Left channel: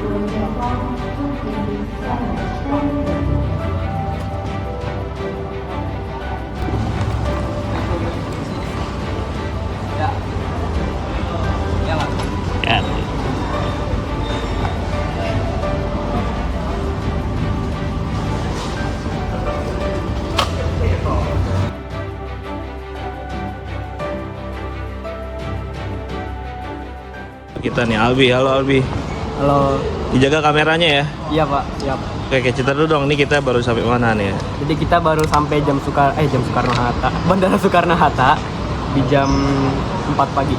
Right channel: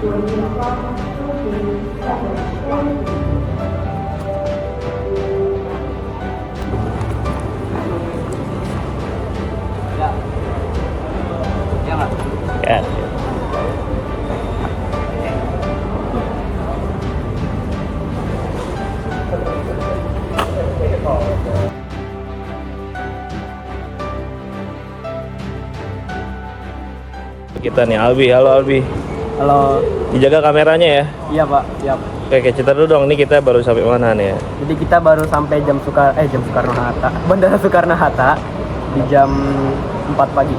Ya. Kita nih Albi, halo Albi. Halo. Dijaga kameranya ya. Iya Pak, siap. Oke, cerita dulu dong, nih kita baru sampai mana nih ya? Jadi kita baru sampai jam Soekarno-Hatta, Bandara Soekarno-Hatta di jam 4 pagi.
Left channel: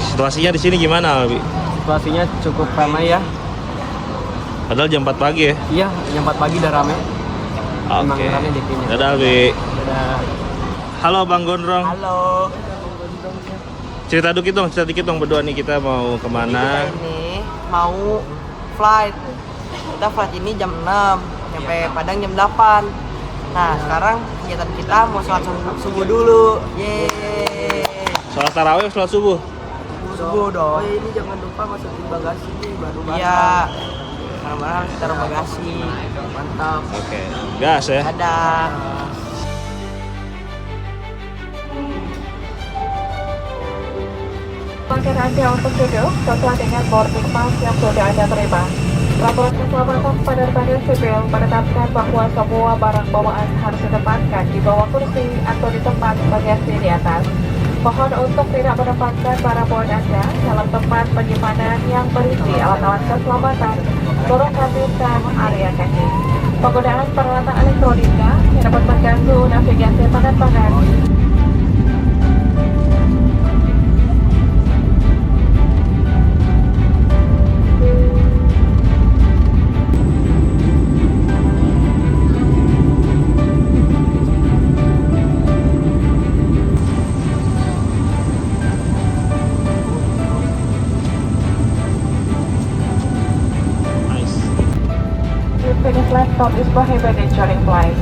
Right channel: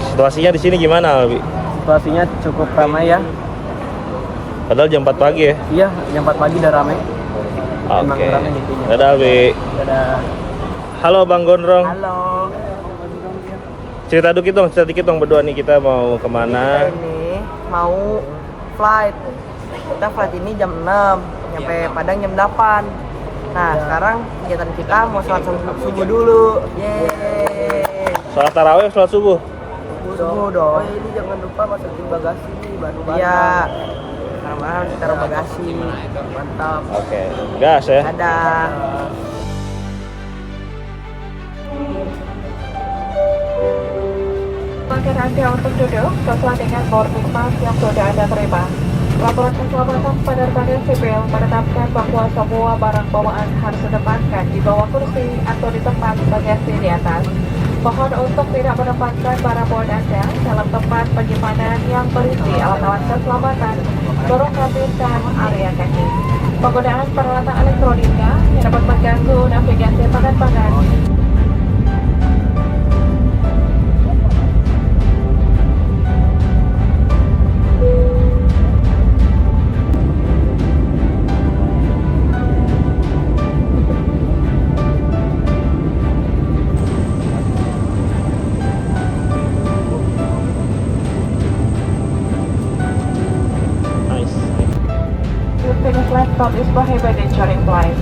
Situasinya di sini gimana Albi? Situasinya cukup ramai ya. Padahal jam 4 pagi ya? Iya, jam 4 pagi udah ramai. Oke. Emang ramai dikitnya. Dadah Albi. Dadah. Halo Bang Gondrong. Halo. Cerita dikit dong berdua nih, kita mau kemana? Kita ini mau flight. Kita flight ini jam 6, nyampe Padang jam 8. Nah, sekarang kegiatan kita mau sholat subuh dulu. Yeay. Sholat tarawih, sholat subuh. Subuh dong. Oh, ini jangan lupa masukin bagasi nih, baru Iya. Nah, kita mau bagasi. Mantap. Oke, gas ya. Dadah. Makin Anda untuk duduk sesuai dengan boarding pass yang sudah Anda terima. Laporan keselamatan penerbangan sipil menetapkan bahwa semua barang bawaan harus ditempatkan di bawah kursi atau di tempat bagasi di atas. Mohon untuk tidak menempatkan barang bawaan Anda dalam tempat penyimpanan yang berisi alat-alat keselamatan, lorong kabin dan area kaki. Penggunaan peralatan elektronika yang dapat mengganggu navigasi penerbangan. Using laptop is prohibited during flight.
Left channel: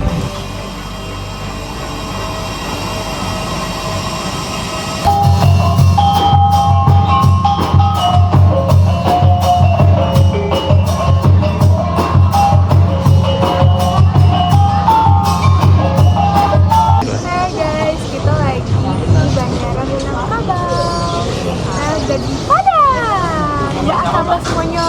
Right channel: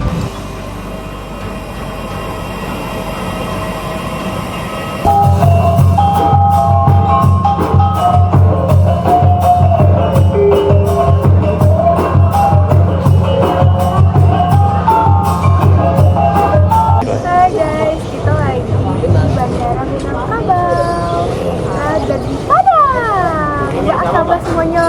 Hai guys, kita lagi di Bandara Minangkabau. Nah, jadi Padang. Ya, sahabat semuanya.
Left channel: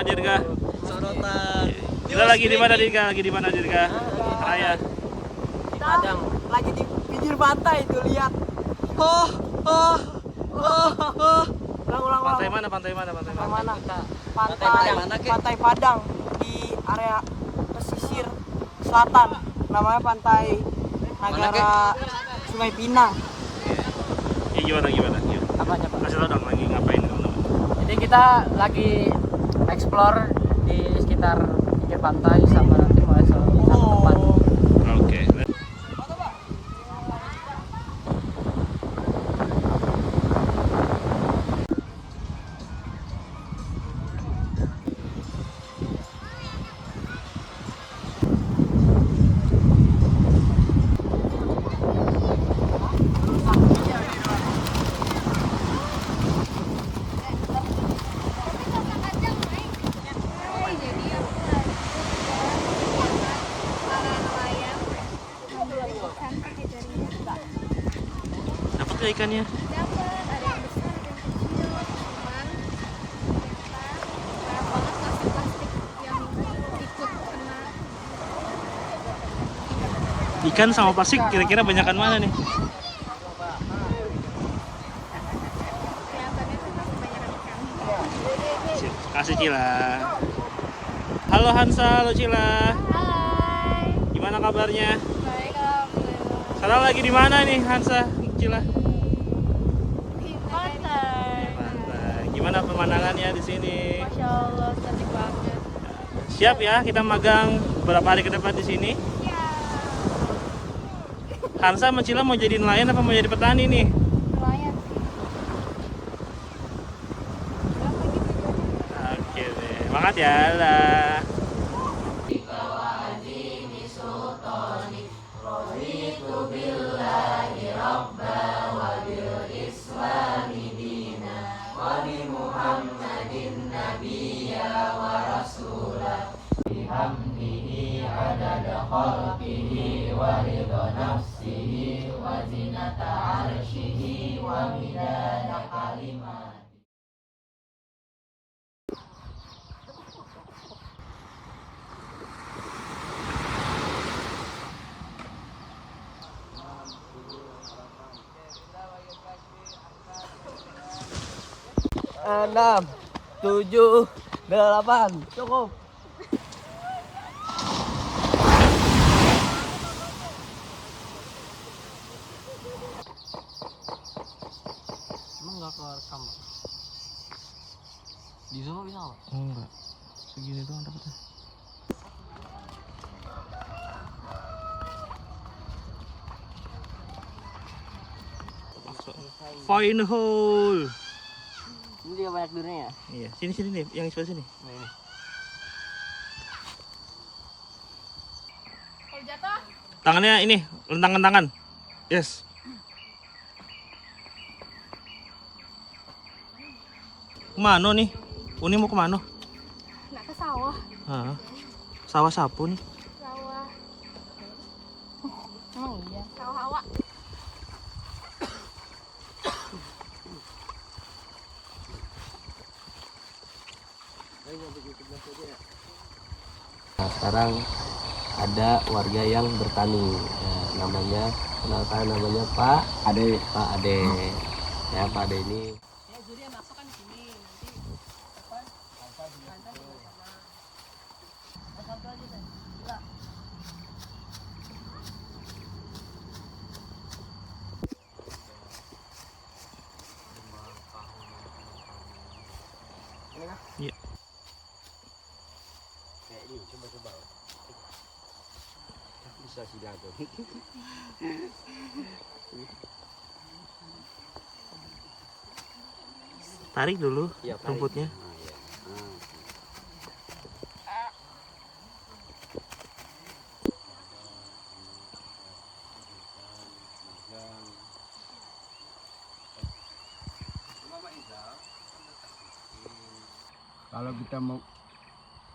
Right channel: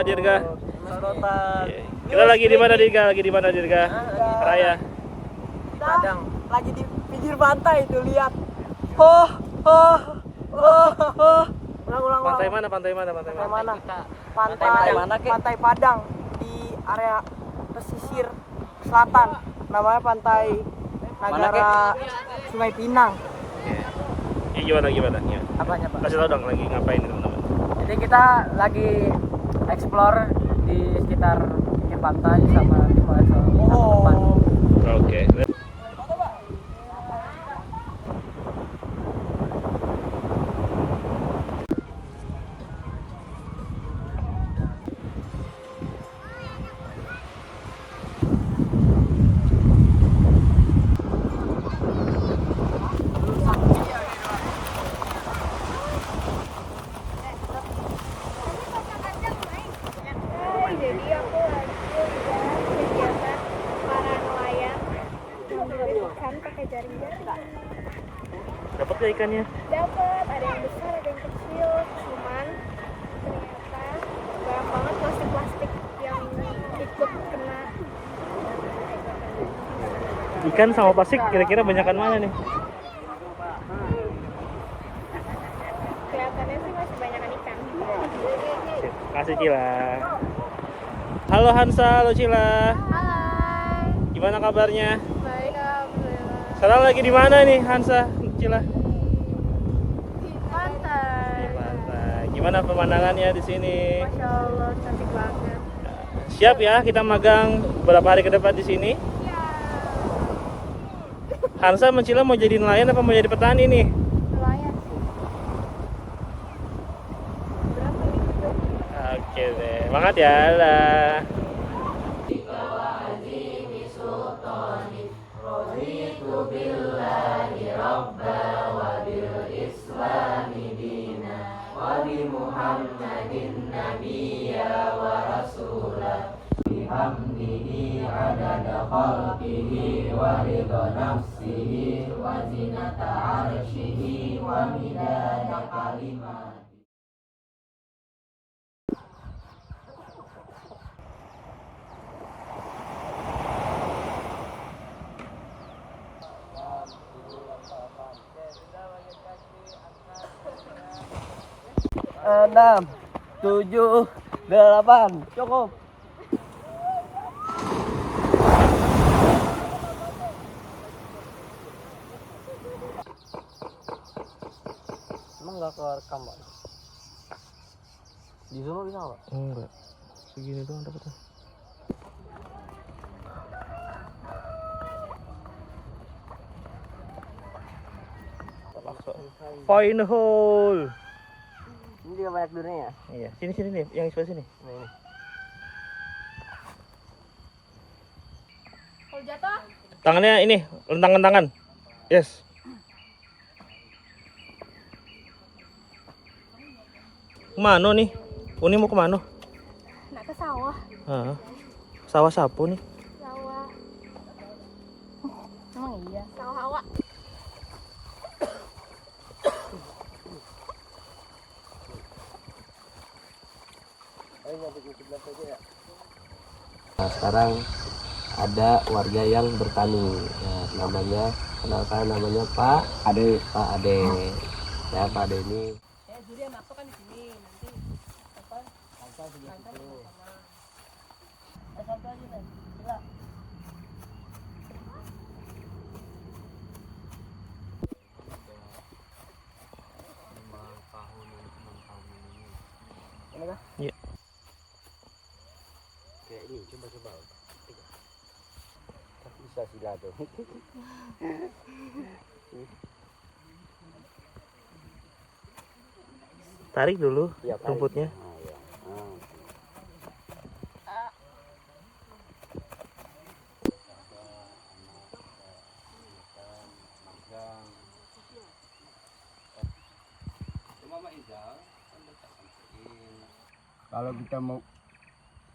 Dirga. Kita lagi di mana Dirga? Raya. Di Padang. Lagi di pinggir pantai itu, lihat. Ulang. Pantai mana? Pantai Padang di area pesisir selatan. Namanya Pantai Nagara Sungai Pinang. Ini gimana? Apanya Pak? Kasih tau dong lagi ngapain teman-teman. Jadi kita lagi explore di sekitar pinggir pantai sama tim Oh. Oke. Hai, jadi aku lagi kegiatan para nelayan ngambilin ikan pakai jaring. Dapat gak ikannya? Dapat, ada yang besar, ada yang kecil. Cuman ternyata banyak banget plastik yang ikut kena. Ikan sama plastik kira-kira banyakan mana nih? Kelihatannya sih masih banyakan ikan. Sip. Kasih Cila. Halo Hansa, halo Cila. Hai. Gimana kabarnya? Baik, alhamdulillah. Sekarang lagi di mana nih Hansa, Cila? Di pantai. Di pantai. Gimana pemandangannya di sini? Masya Allah, cantik banget. Siap ya kita magang beberapa hari ke depan di sini? Hansa sama Cila mau jadi nelayan apa mau jadi petani nih? Nelayan sih. Oke deh, semangat ya lah. Enam, tujuh, delapan, cukup. Emang nggak keluar kamar? Di Zoom bisa nggak? Enggak, segini doang dapetnya. Fine hole. Ini juga banyak durinya ya? Iya, sini nih, yang sebelah sini. Ini. Kalau jatuh, Tangannya ini, lentang-lentangan. Yes. Kemana nih? Uni mau kemana? nak ke sawah. Hah? Sawah sapu nih. Sawah. Emang iya? Sawah awak. Nah, sekarang ada warga yang bertani. Nah, namanya kenapa namanya Pak Ade. Pak Ade. Ya, Pak Ade ini. Iya. Bisa sila tuh. Tarik dulu Iya, tarik. rumputnya. Nah, iya. Kalau kita mau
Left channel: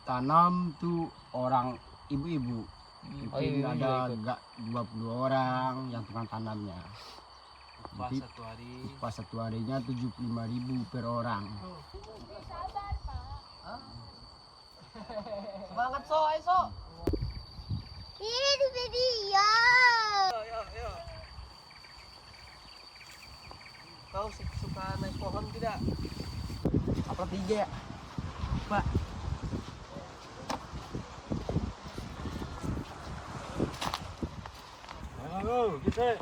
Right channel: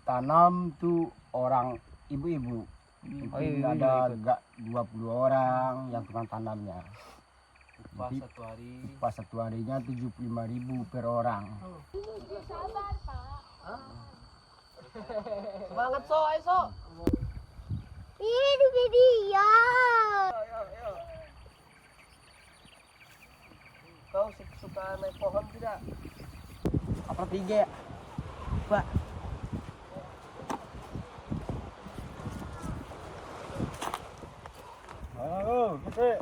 tanam tuh orang ibu-ibu mungkin ada enggak 20 orang yang tukang tanamnya. Jadi upah satu harinya 75.000 per orang. Semangat so, ayo. Ini video. Kau suka naik pohon tidak? Apa tiga ya? Pak. Halo, kita.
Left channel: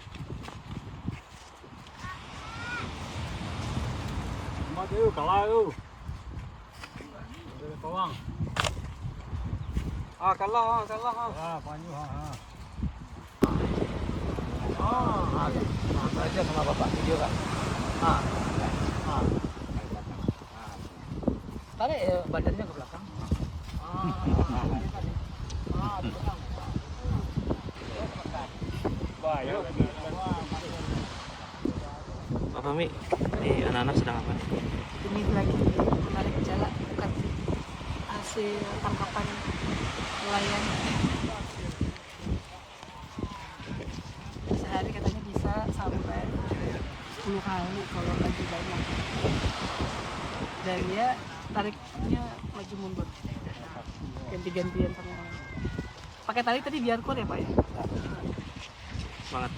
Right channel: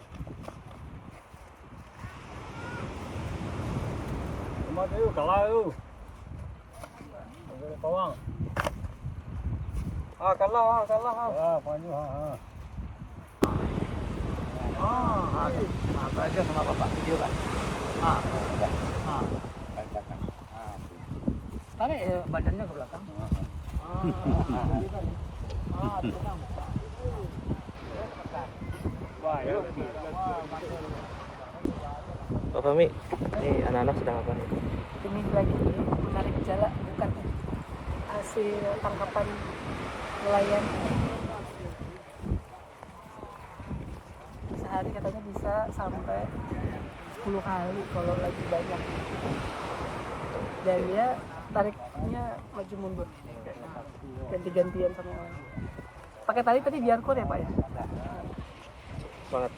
Sama tuh, kalau ada kawang. Kalau. Ah, panju ha. Apa aja kenapa Pak video Pak? Tarik badannya ke belakang. Pak Fahmi, ini anak-anak sedang apa nih? Ini lagi menarik jala, bukan hasil tangkapan nelayan. Sehari katanya bisa sampai 10 kali kalau lagi banyak. Dan dia tariknya maju mundur, ganti-gantian sama orang. Pakai tali tadi biarpun ya Pak ya? Semangat.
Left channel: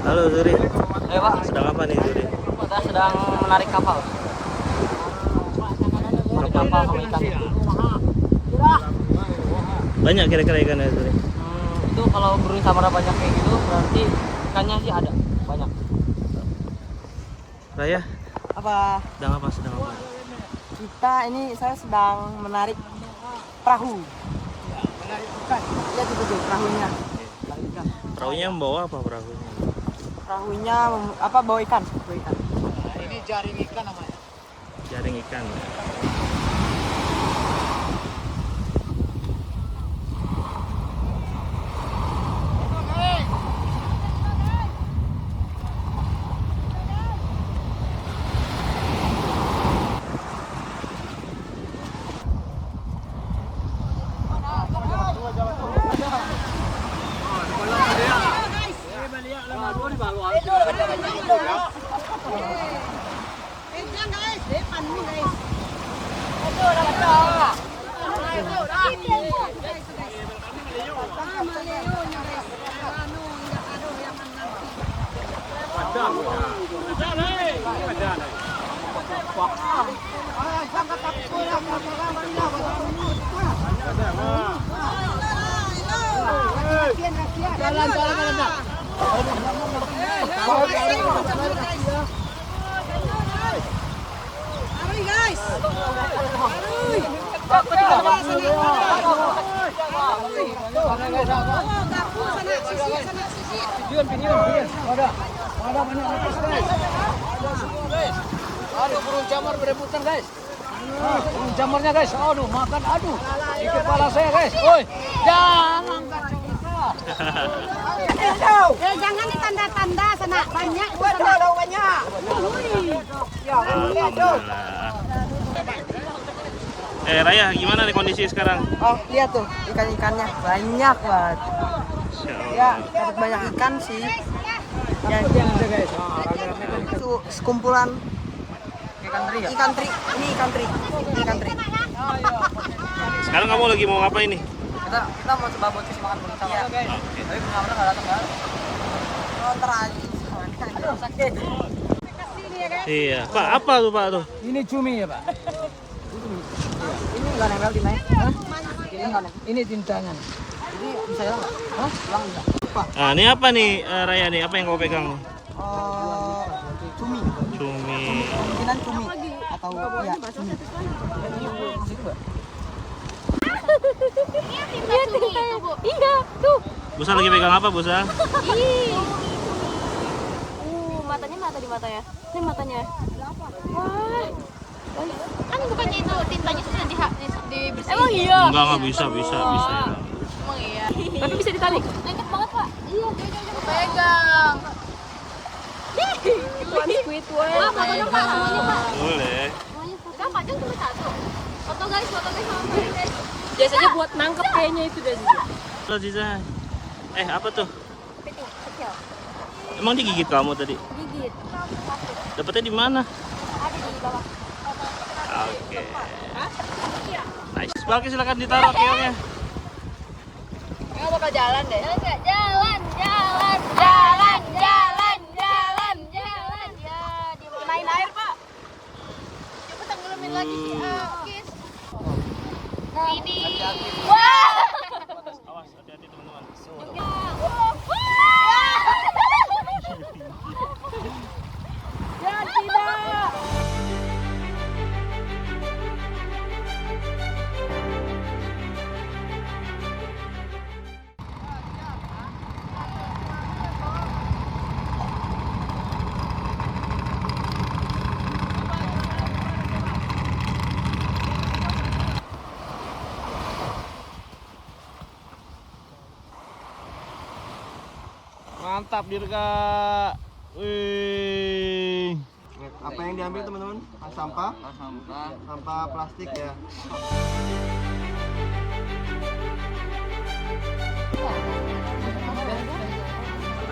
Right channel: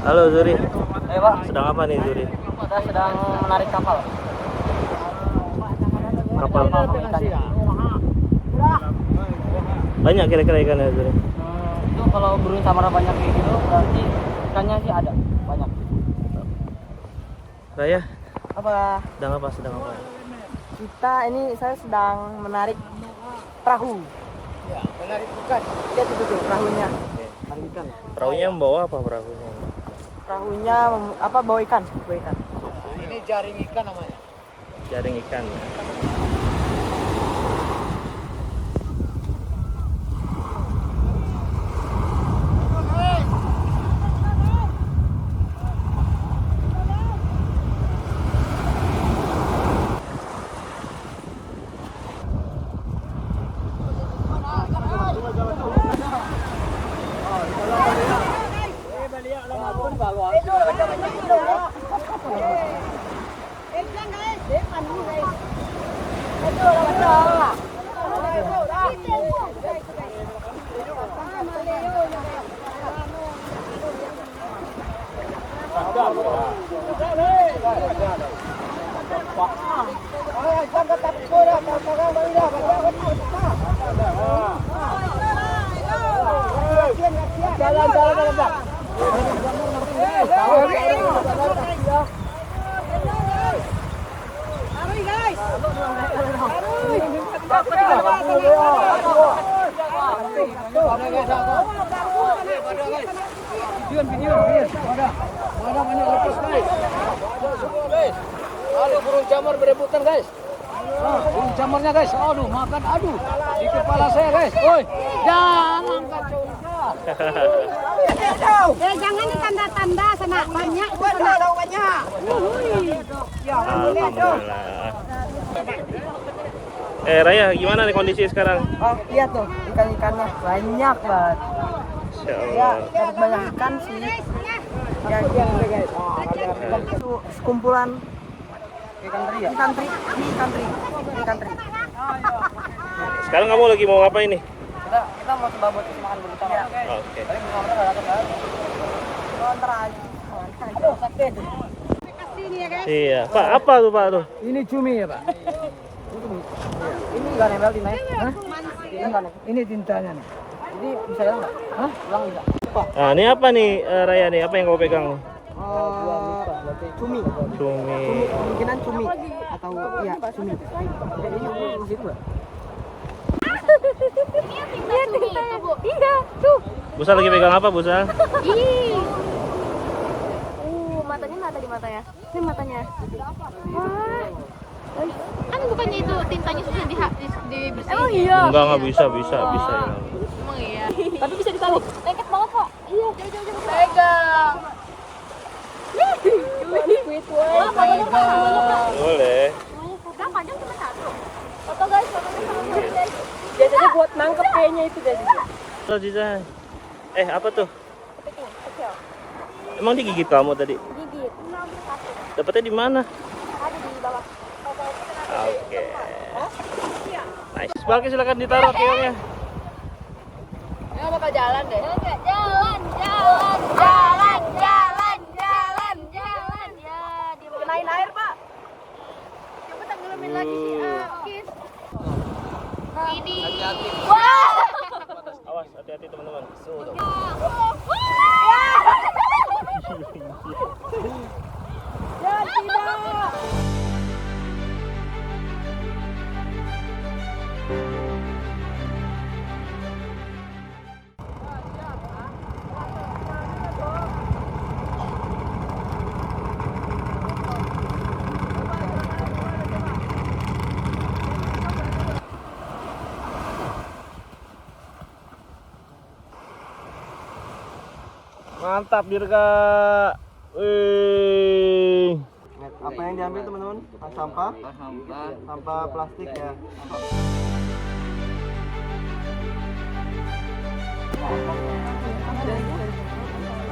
Halo Zuri. Ayo Pak. Sedang apa nih Zuri? Kita sedang menarik kapal. Kapal Ikan. banyak kira-kira ikannya itu. Itu kalau burung samara banyak kayak gitu berarti ikannya sih ada banyak. Raya, Apa? sedang apa? Saya sedang menarik perahu. Menarik ikan. Lihat itu tuh perahunya. Menarik ikan. Perahunya membawa apa perahunya? Perahunya bawa ikan. Ini jaring ikan namanya. Jaring ikan ya. Aduh, burung jamar berebutan guys. Burung jamarnya guys. Aduh, makan aduh. Di kepala saya guys. Woi, jangan. Jangan ditanda-tanda sana banyak itu sana. Alhamdulillah. Raya, gimana nih kondisi sekarang? Oh, lihat tuh ikan-ikannya banyak banget. Insya Ya, Allah. dapat banyak ikan sih. Ya, itu sekumpulan ikan teri. Ini ikan teri. Sekarang kamu lagi mau ngapain nih? Kita mau coba buat makan bersama. Oke. Tapi belum nggak datang banget. Nonton aja. Aduh, sakit. Iya, Pak, apa tuh Pak tuh? Ini cumi ya, Pak. Ini nggak nempel tinta. Ini nggak nempel. Ini tintanya. Ini bisa hilang nggak? Hah? Hilang bisa. Apa? Nah, ini apa nih Raya nih? Apa yang kau pegang nih? Cumi. Cumi. Kemungkinan cumi atau ya cumi. Iya, tinta itu, Bu. Iya, tuh. Busa lagi pegang apa, Busa? Ih. Matanya nggak ada di mata ya? Ini matanya. Wah. Kan bukannya itu tintanya sudah dibersihin. Emang iya? Enggak bisa ya. Tapi bisa ditarik. Lengket banget, Pak. Iya. Pegang. Wah, fotonya Pak, semuanya Pak. Boleh. Semuanya foto. Pak, dia udah satu. Foto guys sama guys. Biasanya buat nangkep kayaknya itu dari situ. Tuh, Ziza. Apa tuh? Kepiting, kecil. Emang digigit kamu tadi? Gigit. Satu. Dapatnya di mana? Ada di bawah. Oke. Nice. Oke, silakan ditaruh keongnya. Enggak bakal jalan deh. Enggak, jalan. Ya, dia kenain air, Pak. Coba tenggelamin lagi si Akis. Ini. Wah. Awas, hati-hati teman-teman. Ya tidak. Mantap, Dirga. Wih. Apa yang diambil teman-teman? Sampah? Sampah plastik ya.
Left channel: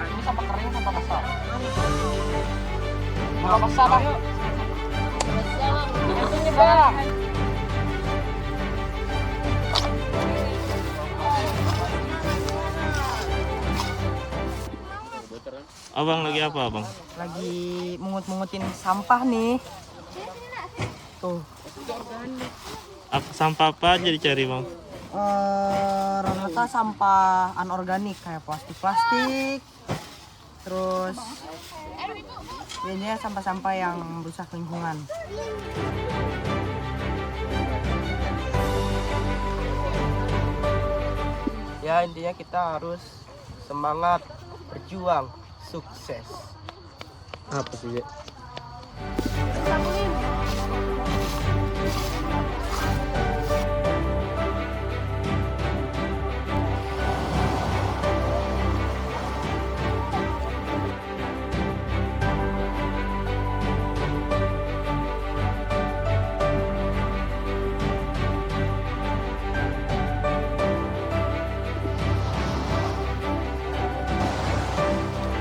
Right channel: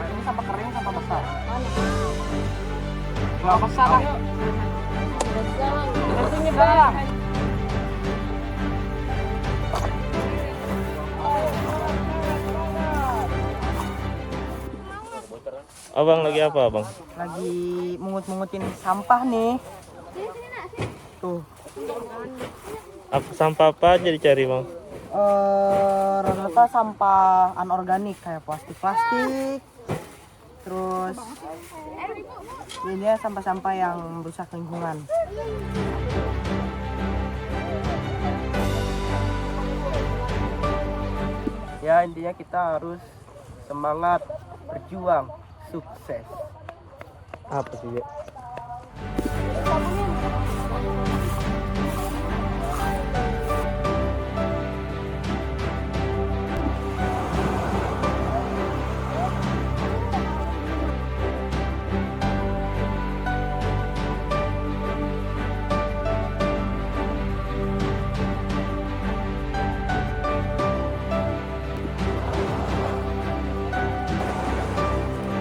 Ini sampah kering, sampah besar. Nggak besar. Ini bang. Abang lagi apa abang? Lagi mungut-mungutin sampah nih. Tuh. Sampah apa aja dicari bang? Rata-rata sampah anorganik kayak plastik-plastik. Terus ini sampah-sampah yang merusak lingkungan. Ya intinya kita harus semangat berjuang, sukses. Apa sih ya?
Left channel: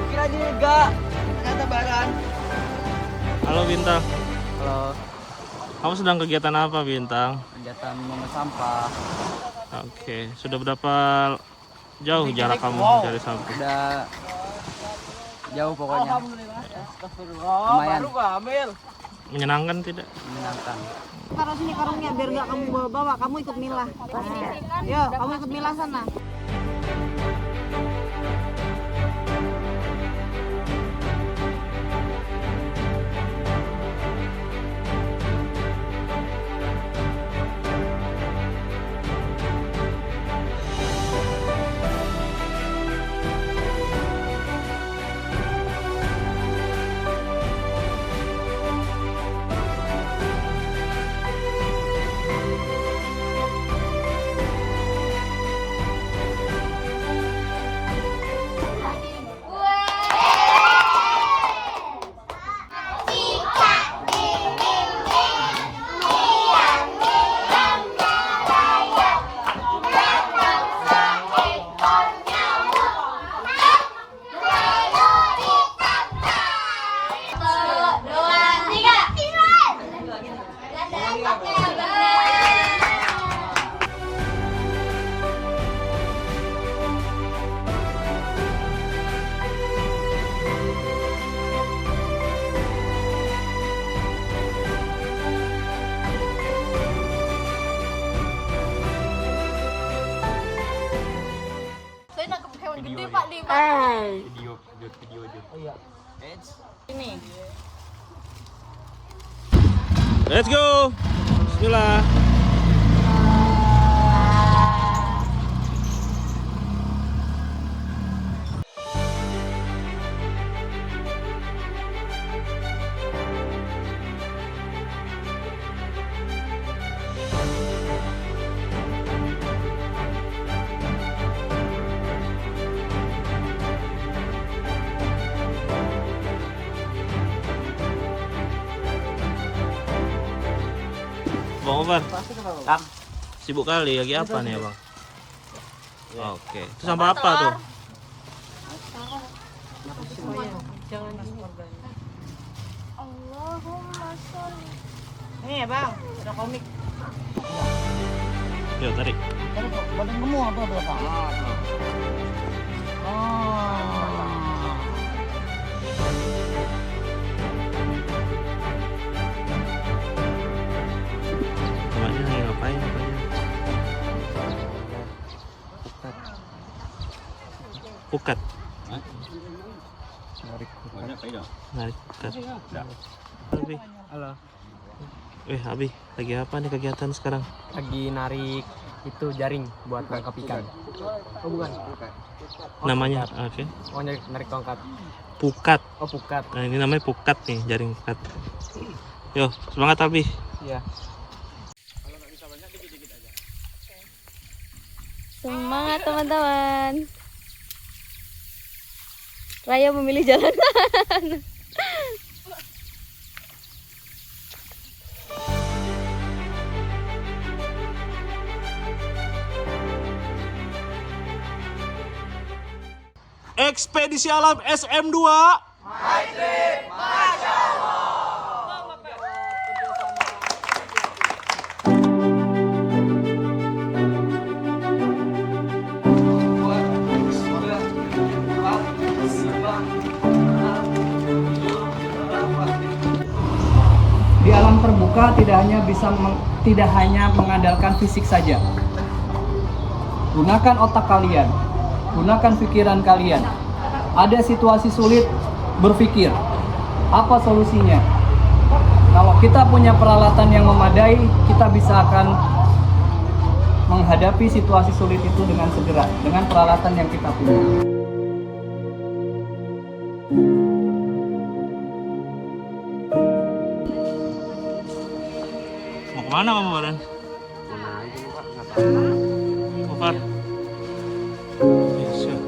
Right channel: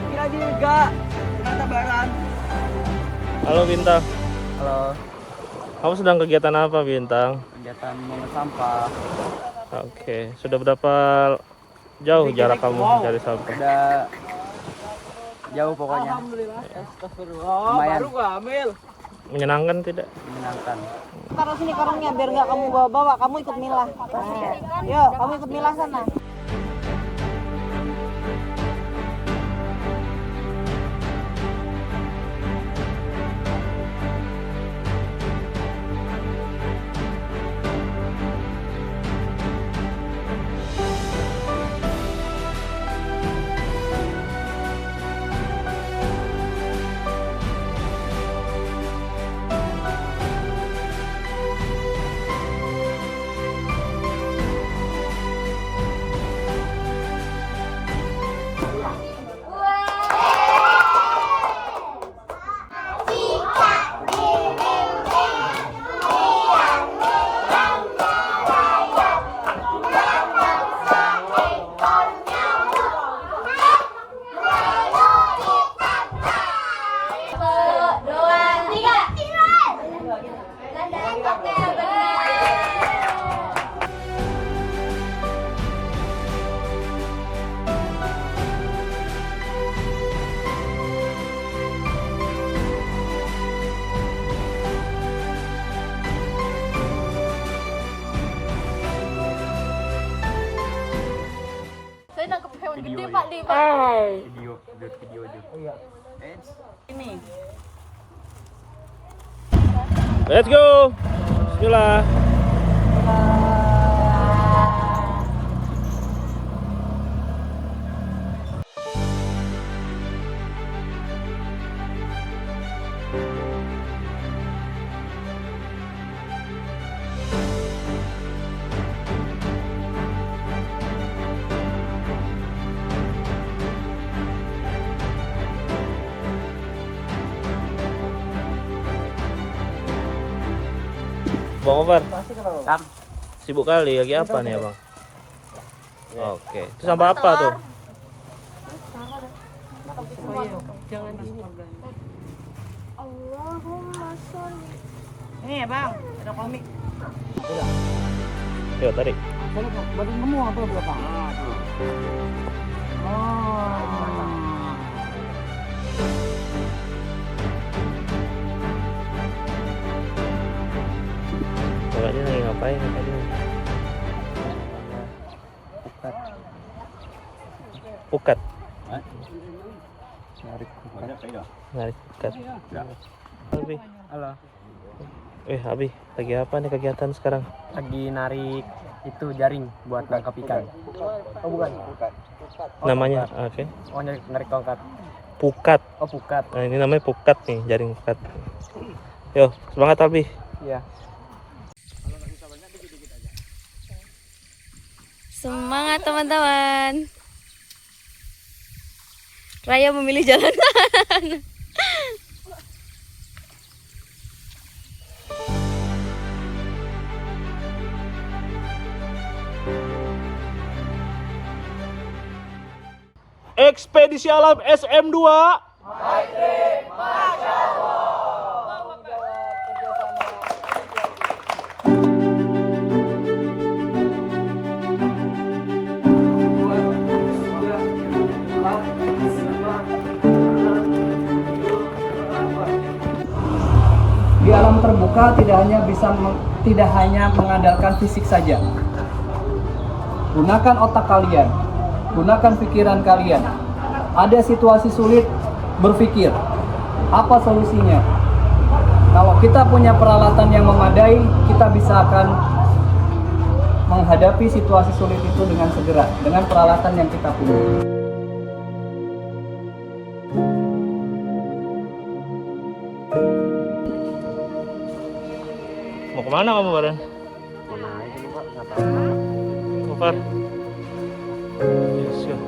Kira juga ternyata Baran. Halo Bintang, Halo, kamu sedang kegiatan apa Bintang? kegiatan mengut sampah. Oke, sudah berapa jauh jarak kamu dari sampah? Udah jauh pokoknya. Lumayan Menyenangkan tidak? menyenangkan. Taruh sini karungnya biar nggak kamu bawa-bawa, kamu ikut milah. Nah, yuk, kamu ikut milah sana. Saya nangkep hewan gede Pak di. Let's go. Bismillah. Bang Omar, sibuk kali lagi apa nih bang? Oke, itu sampah apa tuh? Ini ya bang, ada komik. Yuk tarik. Boleh ngomong apa belakang? Bapaknya lagi ngapain bapaknya? Pukat. Narik Narik pukat. Abi. Halo, Abi, lagi apa nih kegiatan sekarang? lagi narik itu jaring buat nangkap ikan. Oh bukan. Namanya, oke. Oh narik tongkat. Pukat. Oh pukat. Nah, ini namanya pukat nih, jaring pukat. Yo, semangat Abi. Iya. Semangat teman-teman. Raya memilih jalan kanan. Ekspedisi Alam SM2. Di alam terbuka tidak hanya mengandalkan fisik saja. Gunakan otak kalian, gunakan pikiran kalian. Ada situasi sulit, berpikir apa solusinya. Kalau kita punya peralatan yang memadai, kita bisa akan menghadapi situasi sulit itu dengan segera, dengan peralatan yang kita punya. Mau kemana kamu Baran? Mana aja nih kok? Gofar. Siap.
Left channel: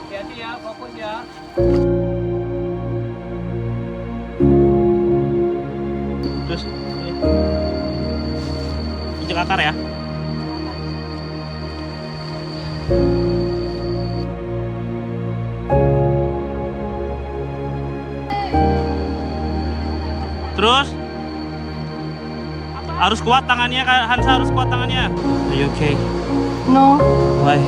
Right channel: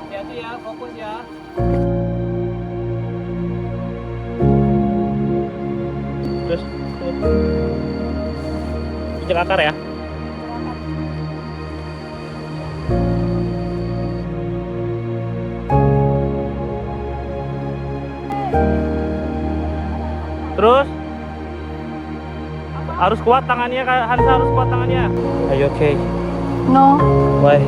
Hati-hati ya, fokus ya. Terus injek akar ya. Terus harus kuat tangannya, Hansa harus kuat tangannya. Are you okay? No, Why?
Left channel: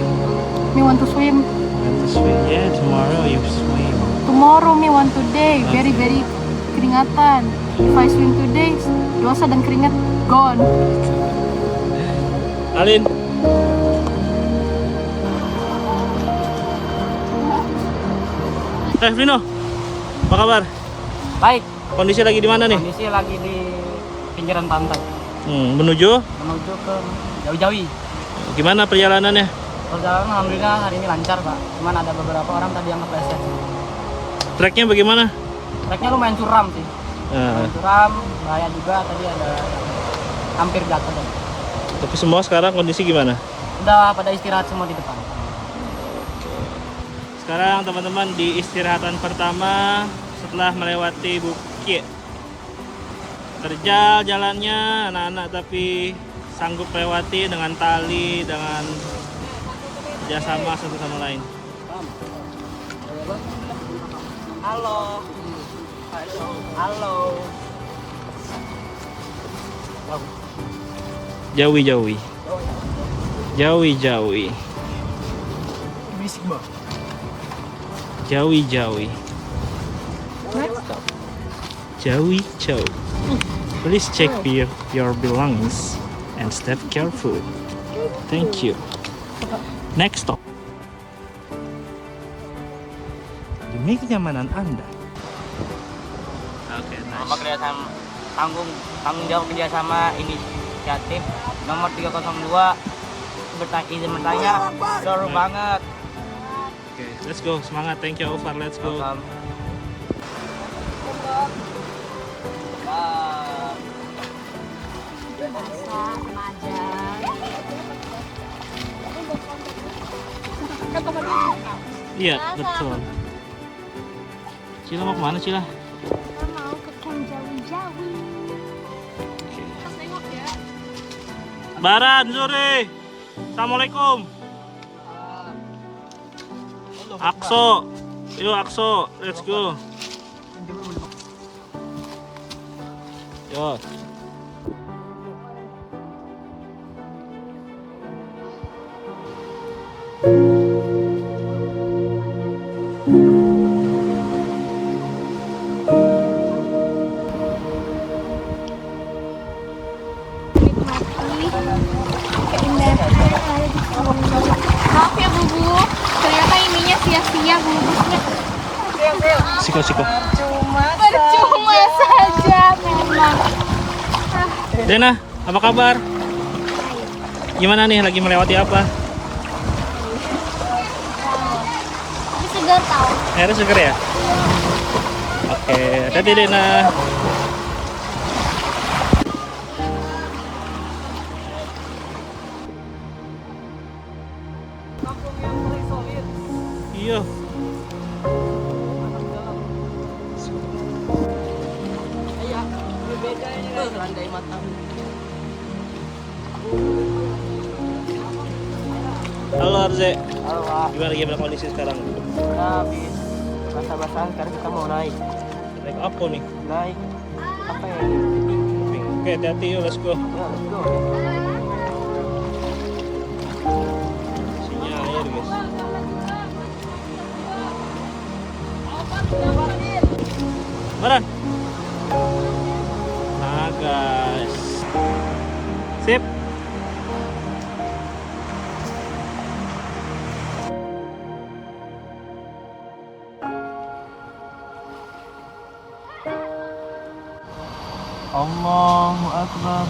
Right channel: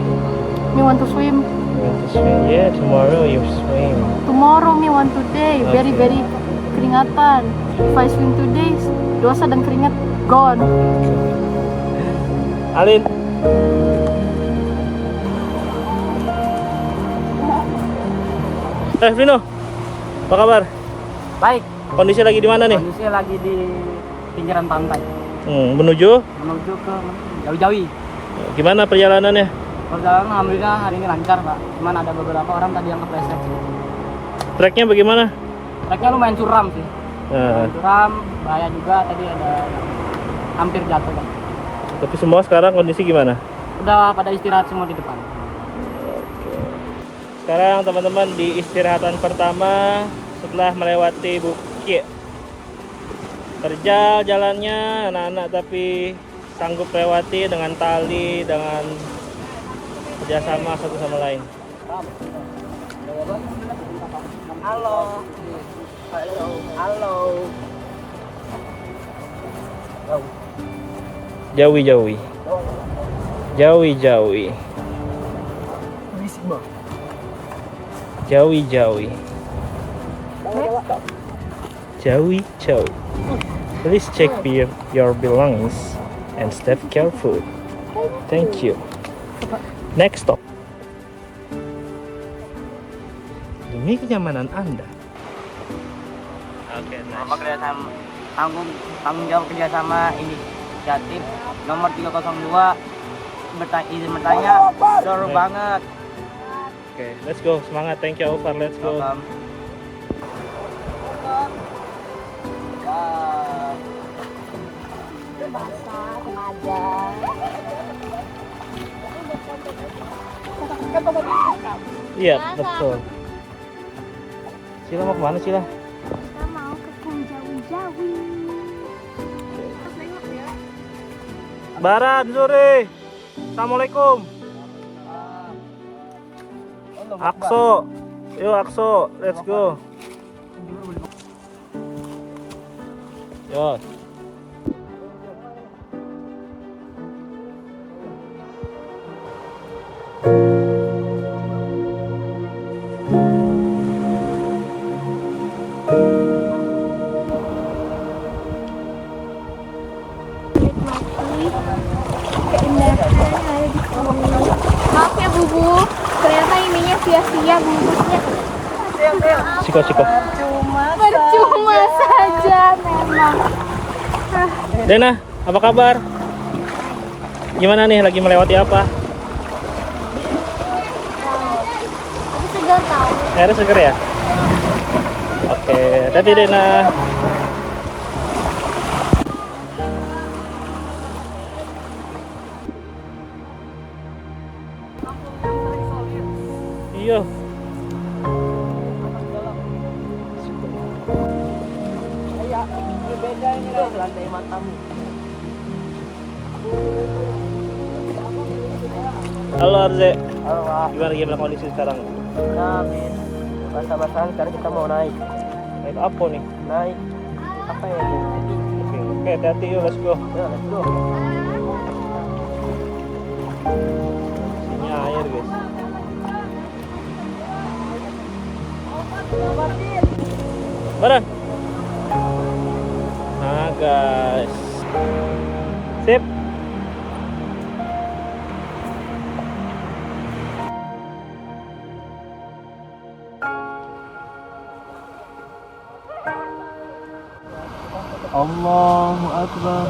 me want to swim. You want to swim? Yeah, tomorrow you swim. Tomorrow me want today. Very keringatan. If I swim today, dosa dan keringat gone. Alin. Vino, apa kabar? Baik, Kondisi lagi di mana nih? kondisi lagi di pinggiran pantai. Menuju? Menuju ke Jawi-Jawi. Gimana perjalanannya? Perjalanan alhamdulillah hari ini lancar Pak. Cuman ada beberapa orang tadi yang kepleset. Treknya bagaimana? Treknya lumayan curam sih. Nah, Lumayan curam, bahaya juga tadi ada yang hampir jatuh tadi. tapi semua sekarang kondisi gimana? Udah pada istirahat semua di depan. Sekarang teman-teman di istirahatan pertama setelah melewati bukit. Terjal jalannya anak-anak tapi sanggup lewati dengan tali, dengan kerjasama satu sama lain. Halo. Halo. Jawi-jawi. Jawi-jawi. Berisik Bang. Jawi-jawi. Jawi-jawi. Please check your belongings and step careful. Thank you. Next stop. Demi kenyamanan Anda. Oke, Lomba kerjasama tanggung jawab kerjasama inisiatif nomor 302 izin bertanya seru banget. Oke, let's go. Semangat. Thank you, Alvar. Let's go. Welcome. Basah sama aja. Iya, betul. Cila mau kemana, Cila? Kita mau ke camp jauh-jauh. Baran, Zuri. Assalamualaikum. Akso. Yuk, Akso. Let's go. Yuk. Menikmati keindahan yang ada di sini. Maaf ya Bubu, ternyata ininya sia-sia bubuknya. Siko. Percuma saja memang. Dena, apa kabar? Gimana nih, lagi melewati apa? Tapi segar tahu. Airnya seger ya? Oke, hati-hati Dena. Iya. Lantai matam. Halo Arze. Halo Pak. Gimana kondisi sekarang? Kita habis basah-basahan sekarang kita mau naik. Naik apa nih? Naik apa ya ini? Oke, hati-hati yuk, let's go. Ya, let's go. Sini air guys. Barang. Nah guys, sip. Allahu Akbar.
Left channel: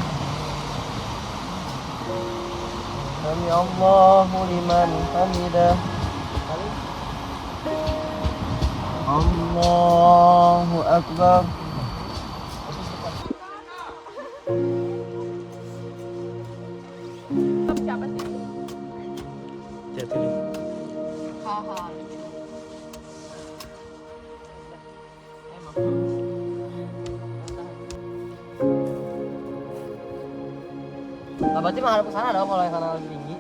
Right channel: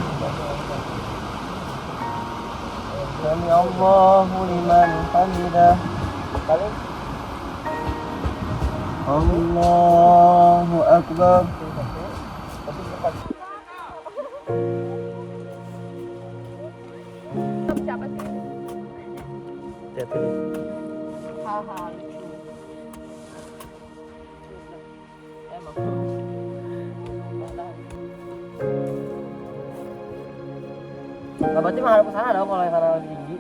Sami Allahu liman hamidah. Allahu Akbar. Lihat ini. Nah, berarti menghadap ke sana dong kalau yang sana lebih tinggi.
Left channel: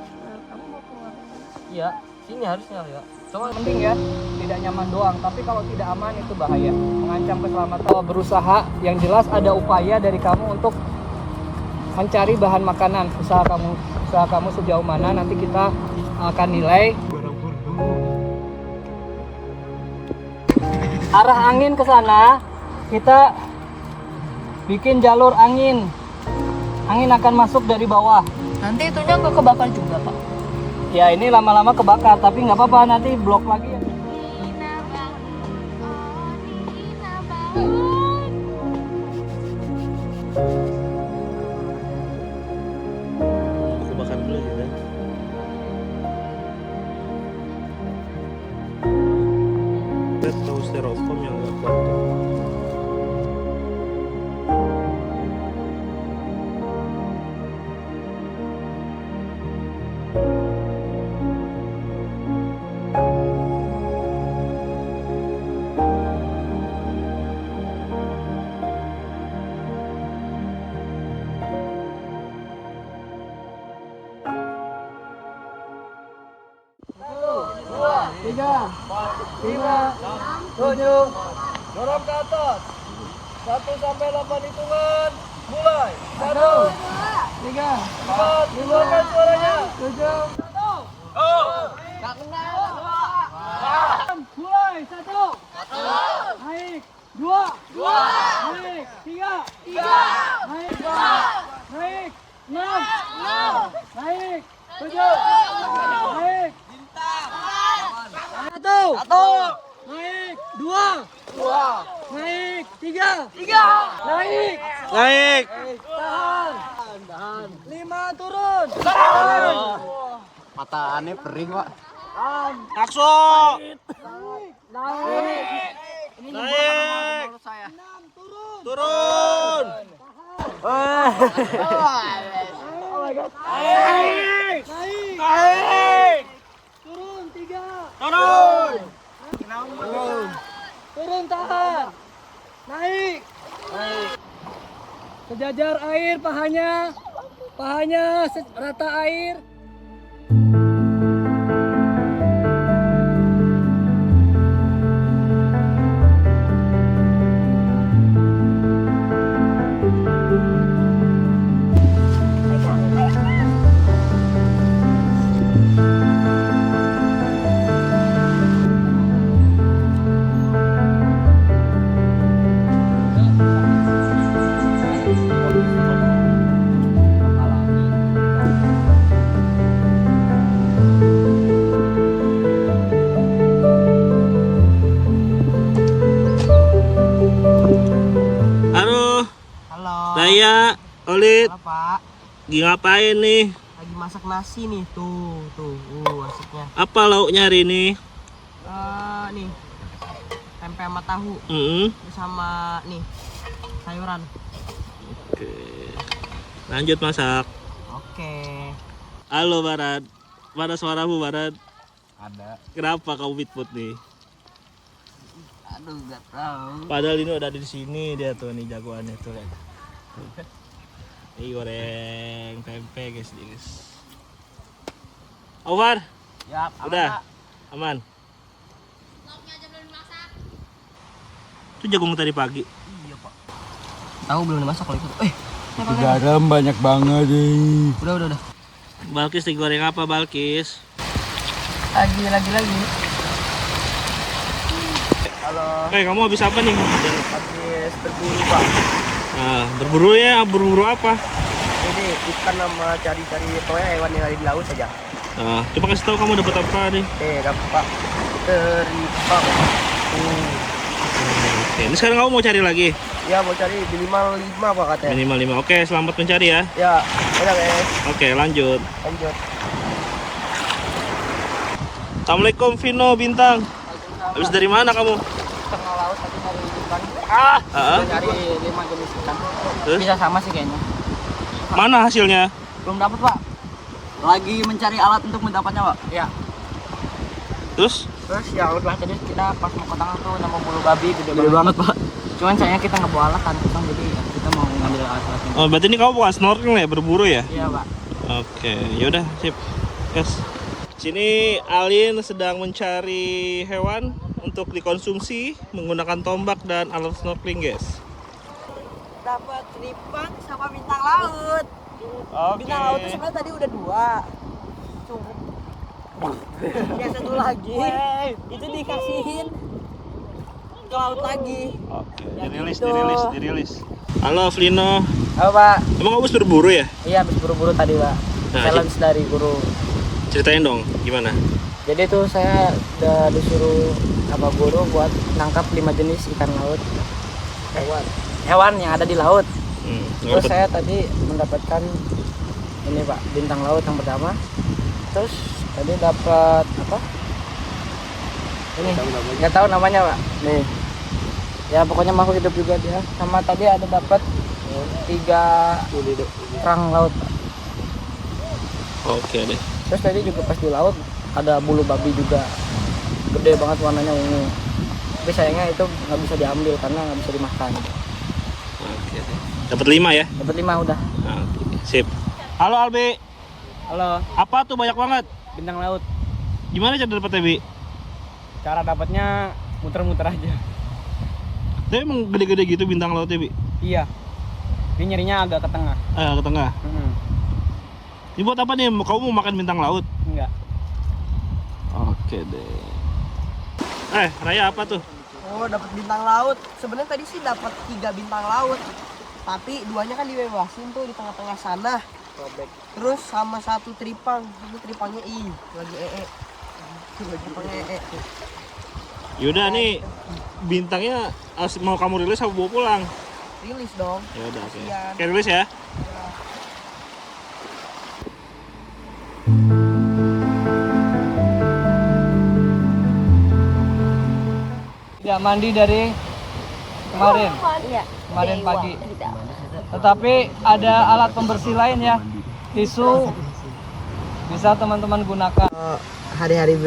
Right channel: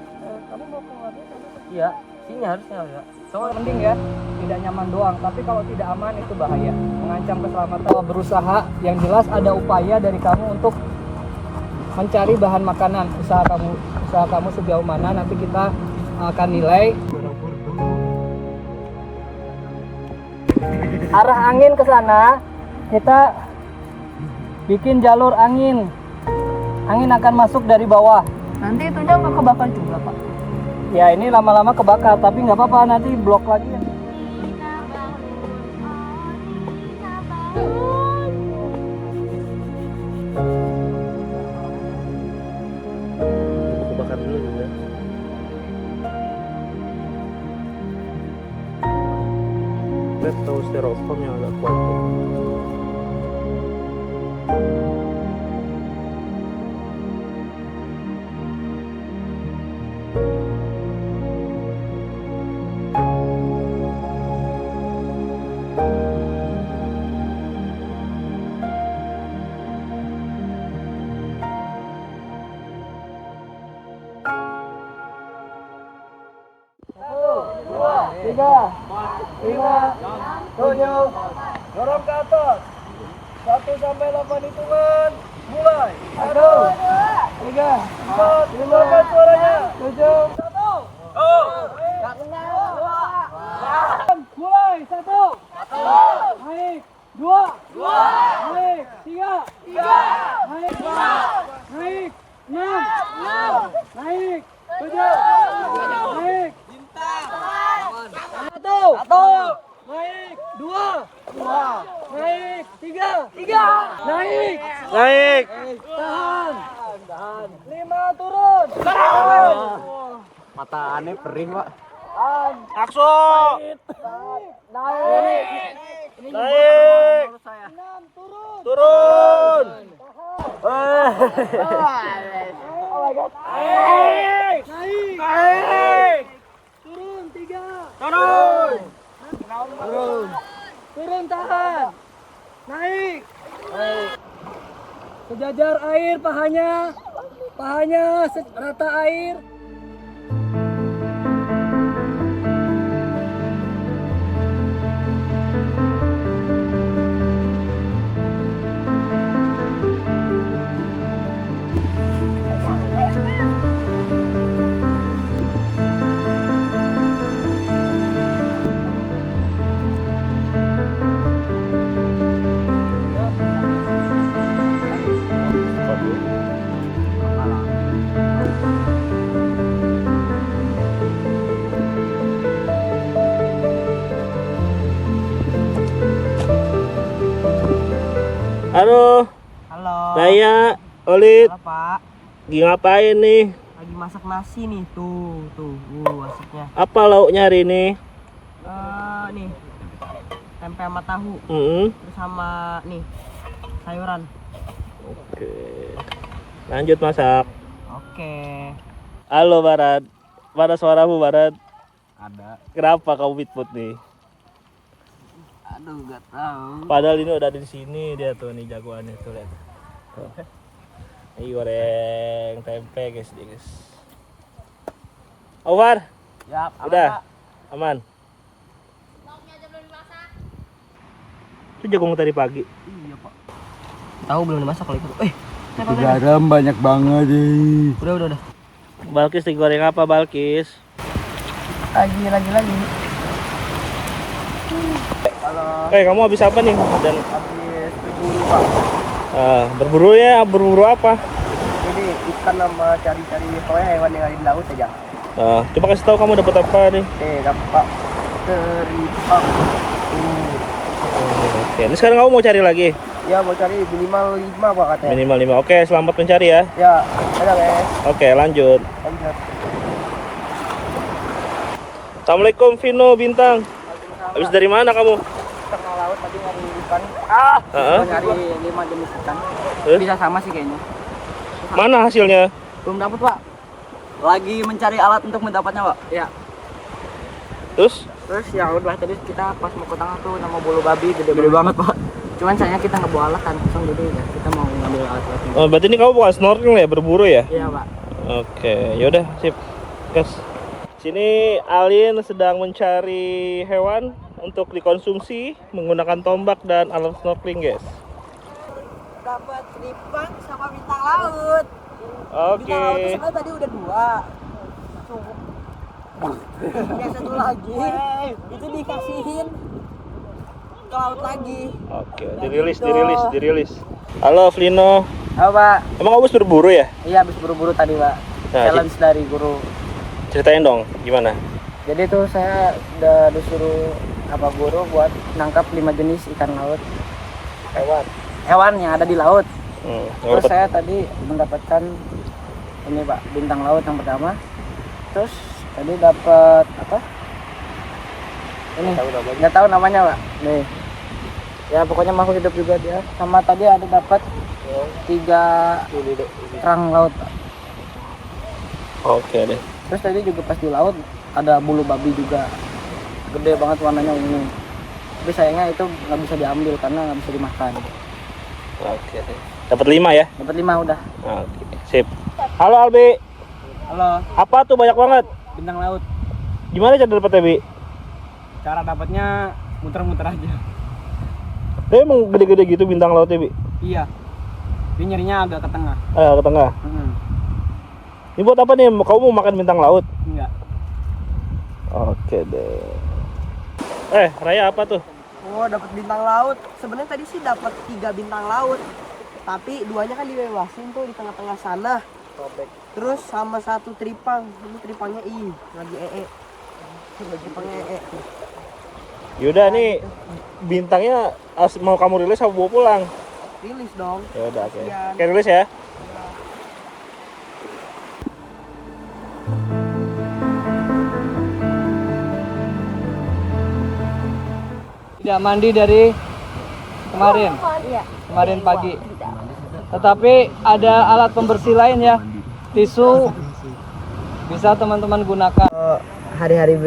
Kamu mau keluar sana? Iya, sini harusnya ya. Coba penting ya, tidak nyaman doang, tapi kalau tidak aman itu bahaya, mengancam keselamatan. Berusaha, yang jelas ada upaya dari kamu untuk mencari bahan makanan. Usaha kamu sejauh mana nanti kita akan nilai. Arah angin ke sana, kita bikin jalur angin. Angin akan masuk dari bawah. Nanti itunya nggak kebakar juga, Pak. Ya ini lama-lama kebakar, tapi nggak apa-apa, nanti blok lagi. Aku bakar dulu ya. Kita tahu styrofoam yang agak kuat tuh. Tiga, lima, tujuh, dorong ke atas. 1 sampai 8 hitungan, mulai. 1, 3, 4, 5, suaranya. 7, 1. Oh, nggak kena. Mulai 1, naik 2, naik 3, naik 4, naik 6, naik 7, naik 1, naik 2, naik 3, naik, tahan, 5 turun, Mata aneh perih, Pak. Akso. naik, Naik. 6 turun, Turun. naik, turun 3, turun tahan, naik, sejajar air pahanya rata air. Halo, Halo. saya Olit. Halo, Pak. Lagi ngapain nih? Lagi masak nasi nih, tuh, masaknya. Apa lauknya hari ini? Nih. Tempe sama tahu. Terus sama nih sayuran. Oke. Lanjut masak. Oke. Halo Barat. Mana suaramu Barat? Ada. Kenapa kamu put nih? Aduh, nggak tahu. Padahal ini udah ada di sini dia tuh nih jagoannya tuh lihat. Tuh. Ini goreng tempe guys. Over. Ya, Udah. Aman. Itu jagung tadi pagi. Iya, Pak. Tahu belum dimasak lagi. Garam banyak banget nih. Udah. Balkis digoreng apa Balkis? Lagi. Kamu habis apa nih? Dan Habis berburu Pak. berburu ya, berburu apa? Ini ikan sama cari-cari pokoknya hewan yang ada di laut saja. Coba kasih tahu kamu dapat apa nih? Dapat teripang. Oke, ini sekarang kamu mau cari lagi? Ya mau cari minimal 5 Pak katanya. Minimal 5. Oke, selamat mencari ya. Ya, ada guys. Oke, lanjut. Lanjut. Assalamualaikum Vino Bintang. Habis dari mana kamu? Tengah laut tadi nyari ikan. Nyari 5 jenis ikan. Bisa sama sih kayaknya. Mana hasilnya? Belum dapat Pak. Lagi mencari alat untuk mendapatnya Pak. Iya. Terus? Terus ya udah tadi kita pas mau ke tengah tuh nama bulu babi gede banget Pak. Cuman sayangnya kita nggak bawa alat kan kosong, jadi kita mau ngambil alat-alatnya. Oh, berarti ini kamu bukan snorkeling ya, berburu ya? Iya Pak. Oke, yaudah sip. Guys. Sini Alin sedang mencari hewan untuk dikonsumsi menggunakan tombak dan alat snorkeling, guys. Dapat teripang sama bintang laut. Oke. Bintang laut itu sebenarnya tadi udah 2. Cukup. Ya satu lagi. Itu dikasihin ke laut lagi. Oke, dirilis. Halo Flino. Halo Pak. Emang kamu habis berburu ya? Iya habis buru-buru tadi Pak. Nah, Challenge dari guru. Ceritain dong, gimana? Jadi tuh saya udah disuruh sama guru buat nangkap 5 jenis ikan laut. Hewan yang ada di laut. Terus saya tadi mendapatkan ini Pak, bintang laut yang pertama. Terus tadi dapat apa? Ini nggak tahu namanya Pak. Nih. Ya pokoknya makhluk hidup juga dia. Sama tadi ada dapat 3 kerang laut Pak. Oke deh. Terus tadi juga pas di laut ada bulu babi juga, gede banget warnanya ungu. Tapi sayangnya itu nggak bisa diambil karena nggak bisa dimakan. Oke deh. Dapat 5 ya? Dapat 5 udah. Oke, sip. Halo Albi. Halo, Apa tuh banyak banget? bintang laut. Gimana cara dapetnya, Bi? Cara dapatnya muter-muter aja. Tapi emang gede-gede gitu bintang lautnya, Bi? Iya. Dia nyarinya agak ke tengah. Ke tengah. Ini buat apa nih? Kamu mau makan bintang laut? Enggak. Oke deh. Raya apa tuh? Oh, dapat bintang laut. Sebenarnya tadi sih dapat 3 bintang laut. Tapi 2-nya kan dibebasin tuh di tengah-tengah sana. Terus sama 1 teripang. Ini teripangnya lagi Teripangnya Yaudah nih bintangnya mau kamu rilis apa bawa pulang? Rilis dong. Ya udah, oke. Kasian. Oke, rilis ya. Tidak mandi dari kemarin. Kemarin pagi. Tetapi ada alat pembersih lain ya. Tisu bisa teman-teman gunakan. Hari-hari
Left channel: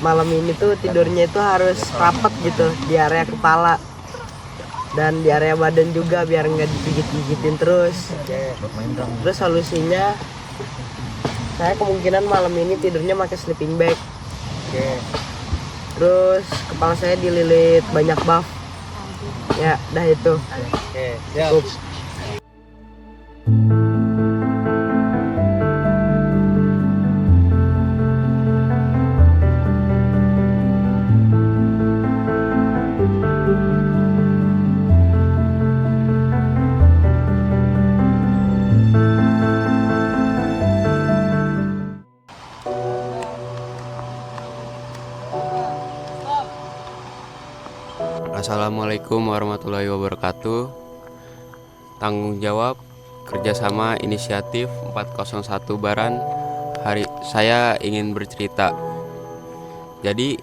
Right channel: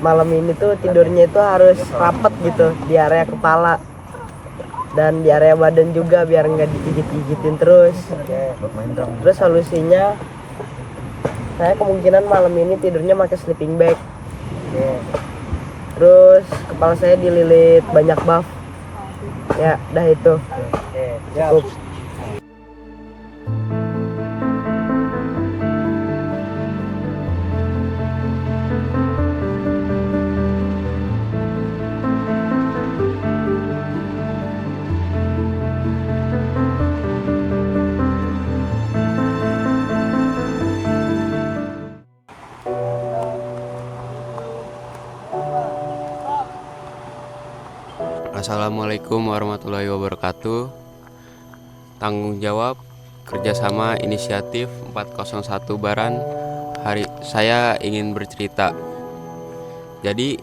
malam ini tuh tidurnya itu harus rapet gitu di area kepala dan di area badan juga biar nggak digigit-gigitin terus. Terus solusinya saya kemungkinan malam ini tidurnya pakai sleeping bag. Terus kepala saya dililit banyak buff. Ya, dah itu. Cukup. Assalamualaikum warahmatullahi wabarakatuh. Tanggung jawab kerjasama inisiatif 401 Baran. Hari saya ingin bercerita. Jadi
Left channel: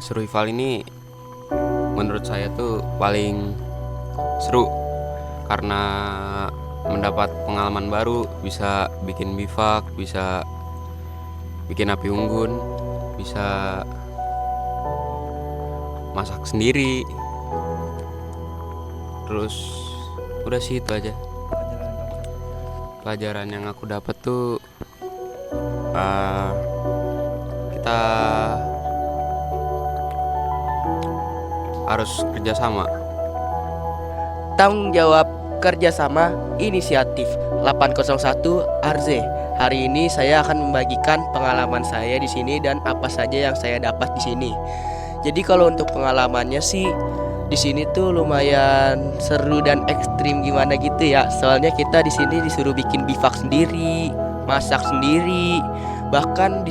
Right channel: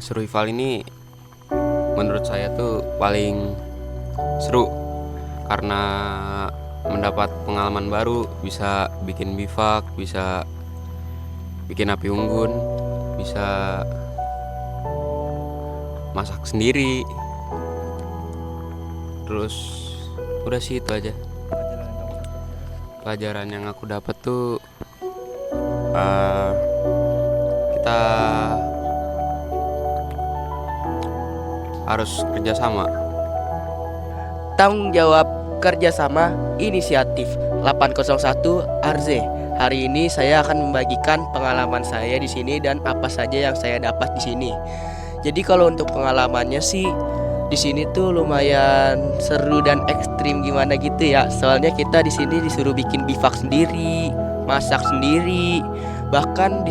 survival ini menurut saya tuh paling seru karena mendapat pengalaman baru, bisa bikin bivak, bisa bikin api unggun, bisa masak sendiri. Terus udah sih itu aja pelajaran yang aku dapat tuh. Kita harus kerjasama. Tanggung jawab kerjasama inisiatif 801 RZ. Hari ini saya akan membagikan pengalaman saya di sini dan apa saja yang saya dapat di sini. Jadi kalau untuk pengalamannya sih di sini tuh lumayan seru dan ekstrim gimana gitu ya. Soalnya kita di sini disuruh bikin bivak sendiri, masak sendiri. Bahkan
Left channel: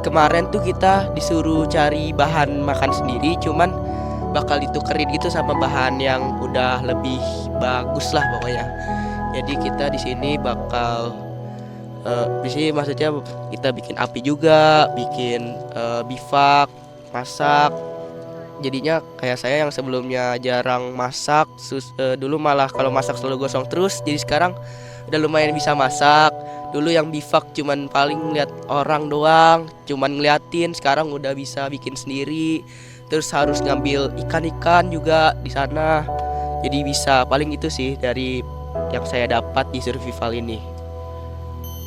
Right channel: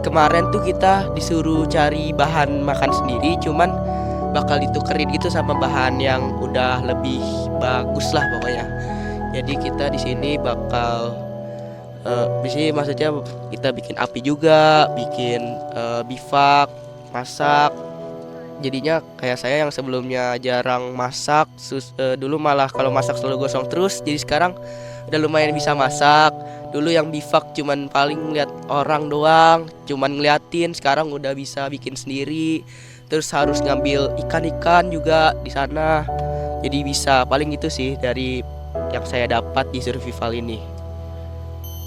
kemarin tuh kita disuruh cari bahan makan sendiri, cuman bakal ditukerin gitu sama bahan yang udah lebih bagus lah pokoknya. Jadi kita di sini bakal di sini maksudnya kita bikin api juga, bikin bivak, masak. Jadinya kayak saya yang sebelumnya jarang masak, dulu malah kalau masak selalu gosong terus. Jadi sekarang udah lumayan bisa masak. Dulu yang bivak cuman paling ngeliat orang doang, cuman ngeliatin. Sekarang udah bisa bikin sendiri. Terus harus ngambil ikan-ikan juga di sana. Jadi bisa, paling itu sih dari yang saya dapat di survival ini.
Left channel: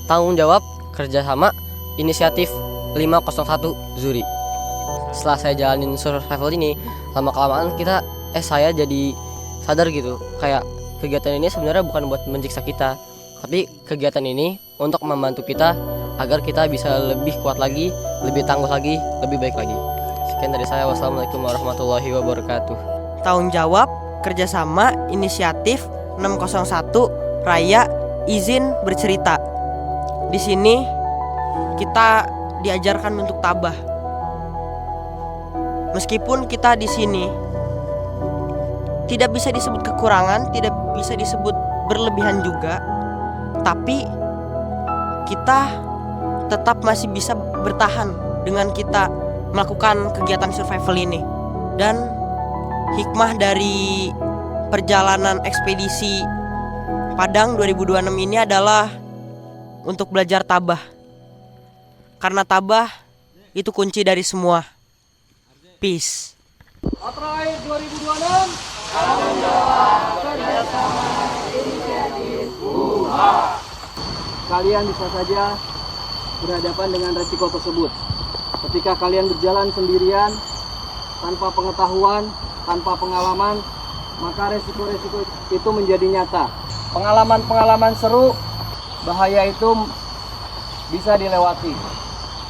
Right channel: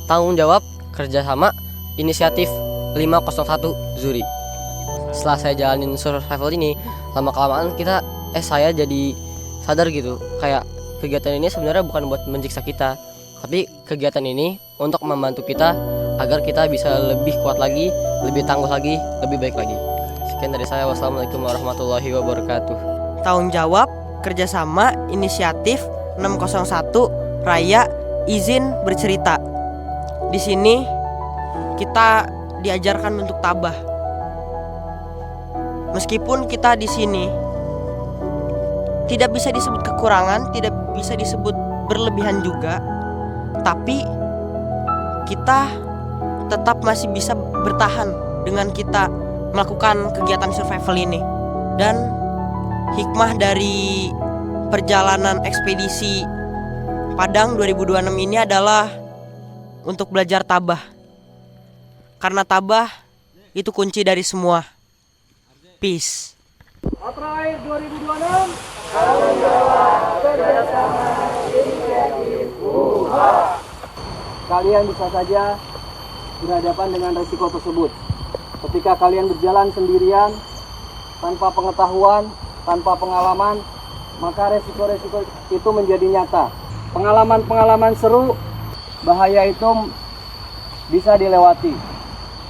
Tanggung jawab, kerjasama, inisiatif 501 Zuri. Setelah saya jalanin survival ini, lama-kelamaan saya jadi sadar gitu, kayak kegiatan ini sebenarnya bukan buat menjiksa kita, tapi kegiatan ini untuk membantu kita agar kita bisa lebih kuat lagi, lebih tangguh lagi, lebih baik lagi. Sekian dari saya, wassalamualaikum warahmatullahi wabarakatuh. Tanggung jawab, kerjasama, inisiatif 601 Raya, izin bercerita. Di sini kita diajarkan untuk tabah. Meskipun kita di sini tidak bisa disebut kekurangan, tidak bisa disebut berlebihan juga, tapi kita tetap masih bisa bertahan dengan kita melakukan kegiatan survival ini. Dan hikmah dari perjalanan ekspedisi Padang 2026 ini adalah untuk belajar tabah. Karena tabah itu kunci dari semua. Peace. April 2026. Kalian bisa saja berhadapan dengan resiko tersebut. Ketika kalian berjalan sendirian, tanpa pengetahuan, tanpa pengalaman, maka resiko-resiko itu menjadi nyata. Pengalaman-pengalaman seru, bahaya itu bisa dilewati.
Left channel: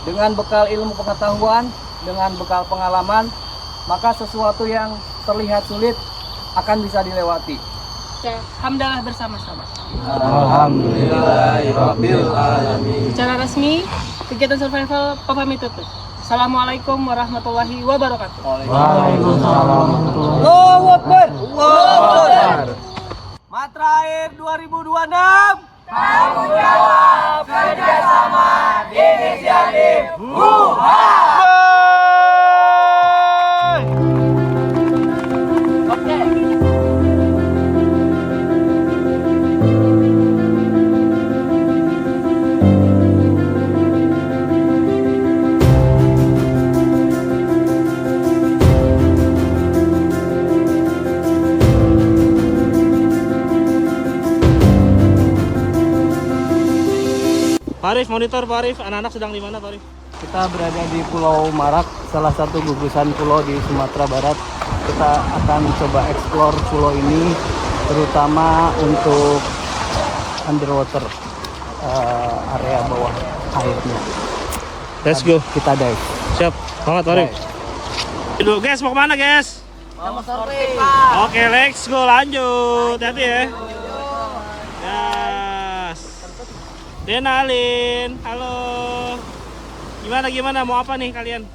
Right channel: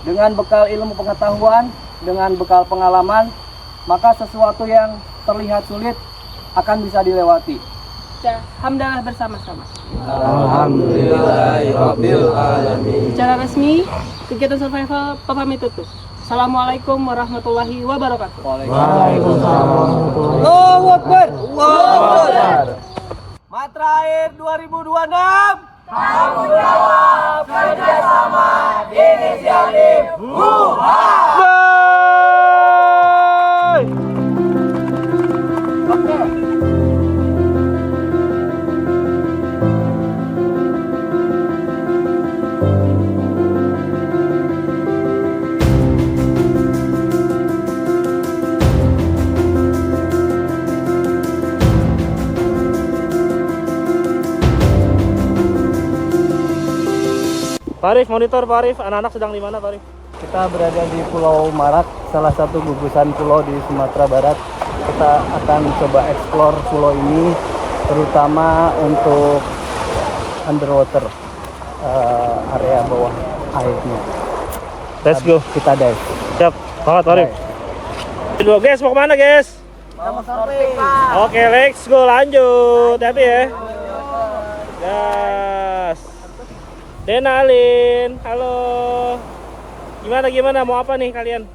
Dengan bekal ilmu pengetahuan, dengan bekal pengalaman, maka sesuatu yang terlihat sulit akan bisa dilewati. Ya, alhamdulillah bersama-sama. Alhamdulillahirabbil alamin. Secara resmi, kegiatan survival pamit tutup. Assalamualaikum warahmatullahi wabarakatuh. Waalaikumsalam warahmatullahi wabarakatuh. Allahu Akbar. Allahu Akbar. Matrair 2026. Tanggung jawab, kerjasama, inisiatif. Oke. Pak Arif, monitor Pak Arif, anak-anak sedang di mana Pak Arif? Kita berada di Pulau Marak, salah satu gugusan pulau di Sumatera Barat. Kita akan coba explore pulau ini, terutama untuk underwater, area bawah airnya. Let's go. Kita dive. Siap, banget Pak Arif. Dulu guys, mau kemana guys? Oke, let's go, lanjut. Hati ya. Gas. Denalin, halo. Gimana mau apa nih kalian?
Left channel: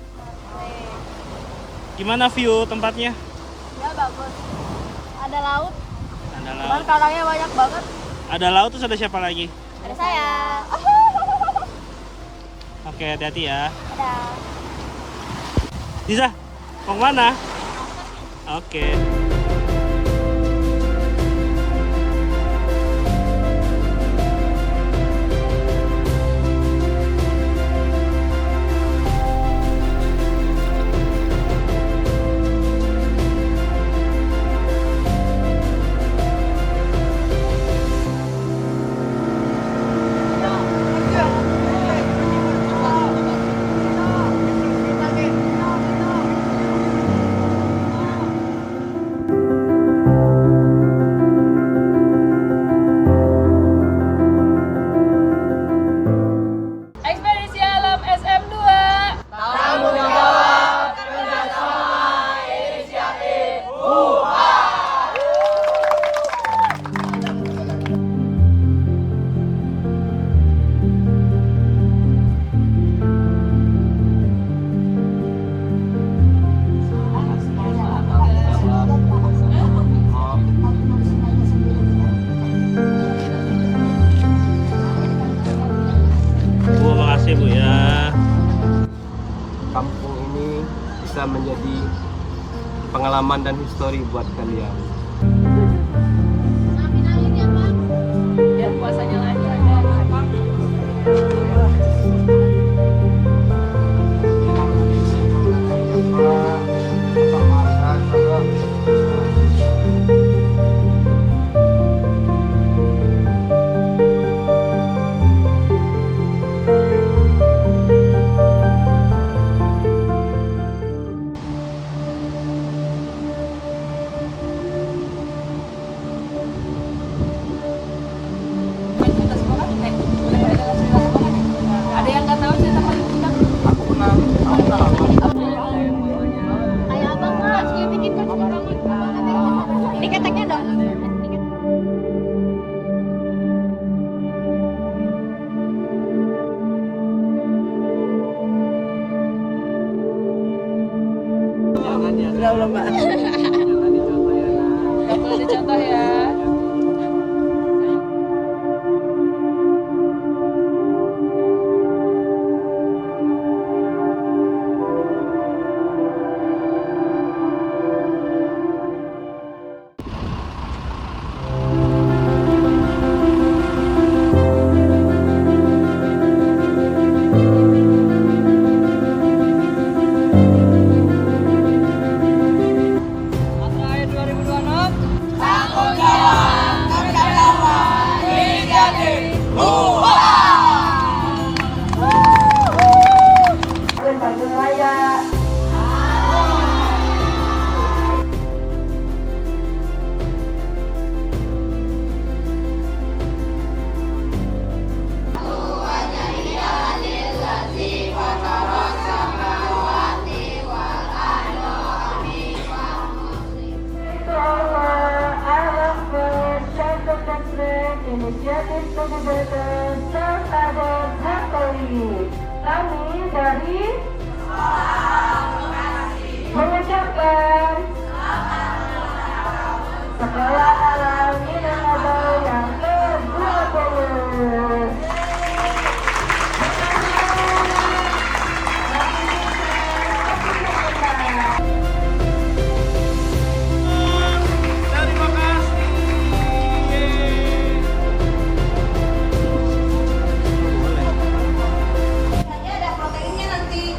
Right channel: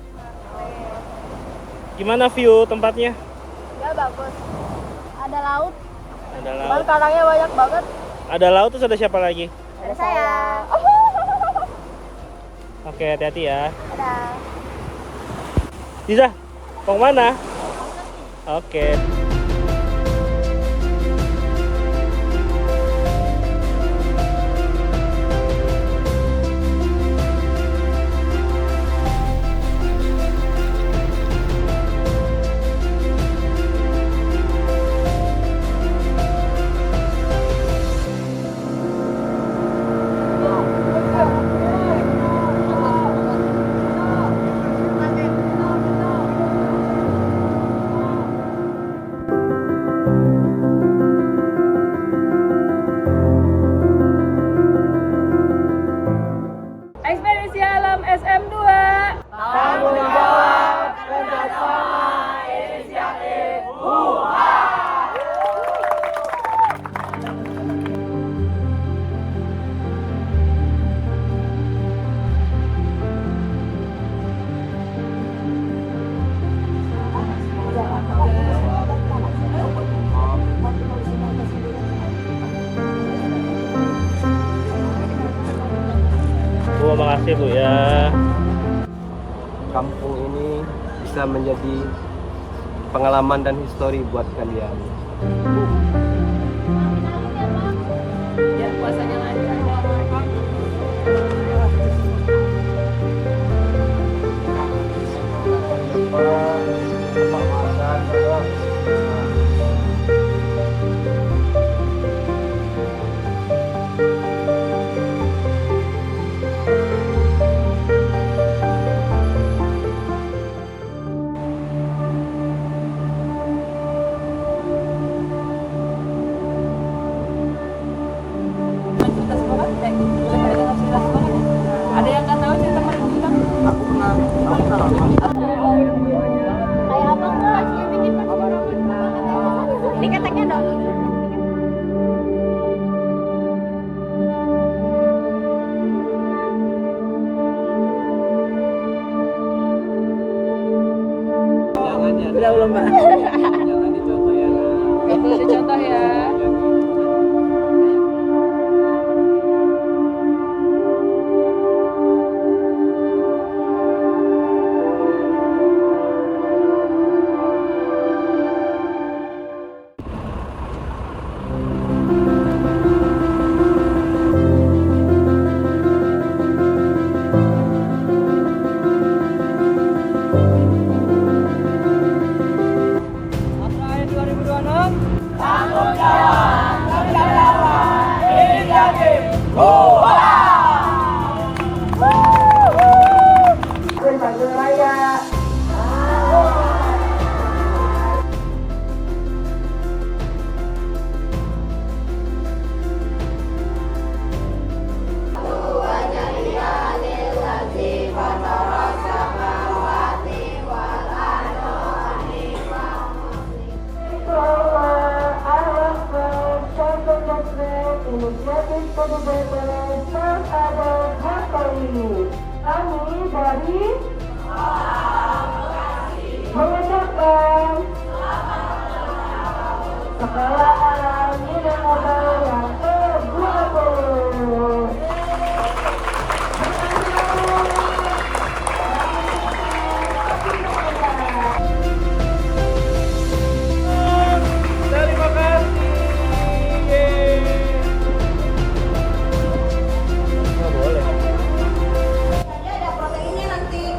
Gimana view tempatnya? Ya bagus. Ada laut. Ada Cuman laut. kalangnya banyak banget. Ada laut terus ada siapa lagi? Ada saya. Oke, hati-hati ya. Ada. Diza, mau kemana? Oke. bisa menjadi pengalaman dan histori buat kalian. Biar puasanya lancar. Ada yang nggak tahu cerita paling undang? Kayak abang kelas dia bikin ini keteknya dong. Udah belum Mbak? Boleh dicontoh ya. Masa akhir 2026. Kami dari mengucapkan sekolah alam Minangkabau yang ke-20. Terima kasih. Boleh. Ada proteinnya nanti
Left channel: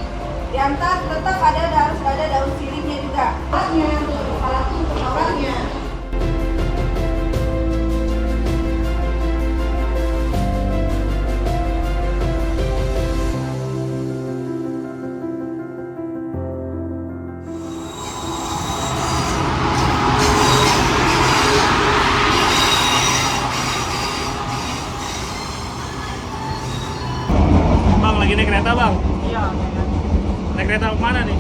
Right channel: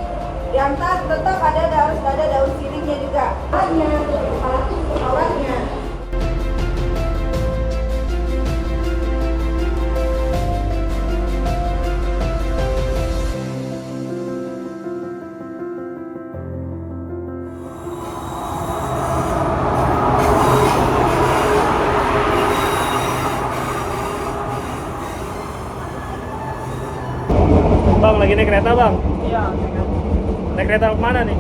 diantar tetap harus ada daun sirihnya juga. Awalnya. Bang, lagi naik kereta bang? Iya. Naik kereta kemana nih?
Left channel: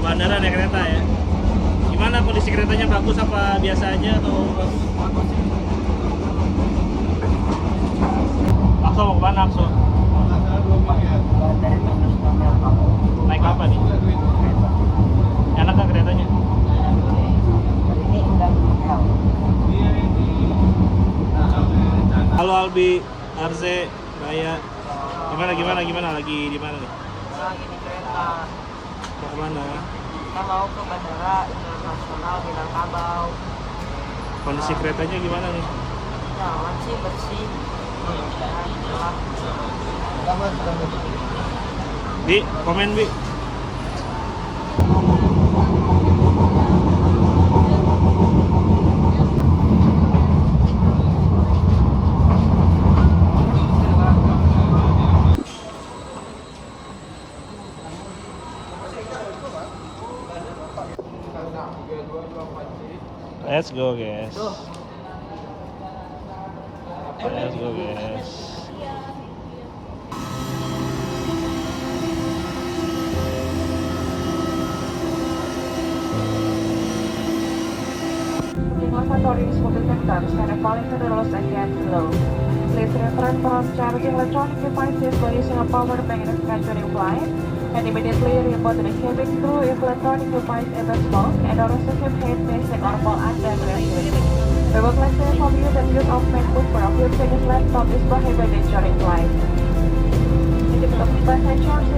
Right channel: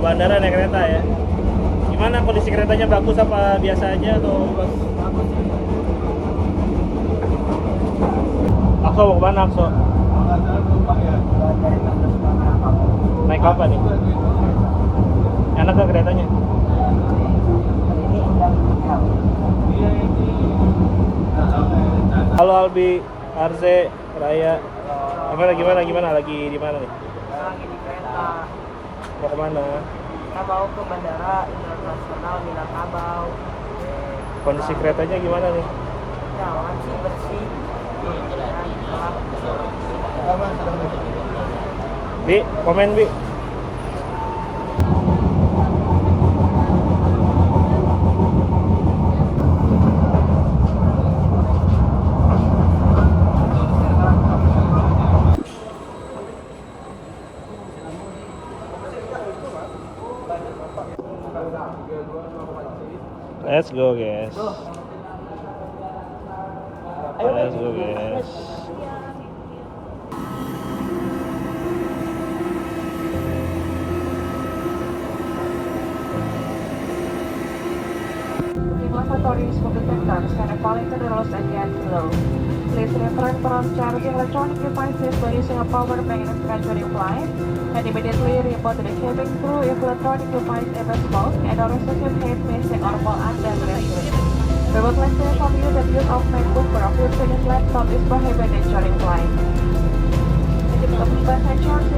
Bandara naik kereta ya? Gimana kondisi keretanya, bagus apa biasa aja atau? Akso mau kemana Akso? Naik apa nih? Enak gak keretanya? Halo Albi, Arze, Raya. Gimana? Lagi di mana nih? Lagi di kereta. Mau kemana? Kita mau ke Bandara Internasional Minangkabau. Kondisi keretanya gimana nih? Ya, aman sih, bersih. Bi, komen Bi. Let's go guys. Let's go guys. Lavatories will be symptoms and according to the rules again below. Please refrain from charging electronic devices by using a power bank in a during flight, and immediately report to the cabin crew if electronic device ever smoke and or excessive heat missing or fall under rescue. We would like to inform you that use of MacBook or of your Chinese laptop is prohibited during flight. Passengers,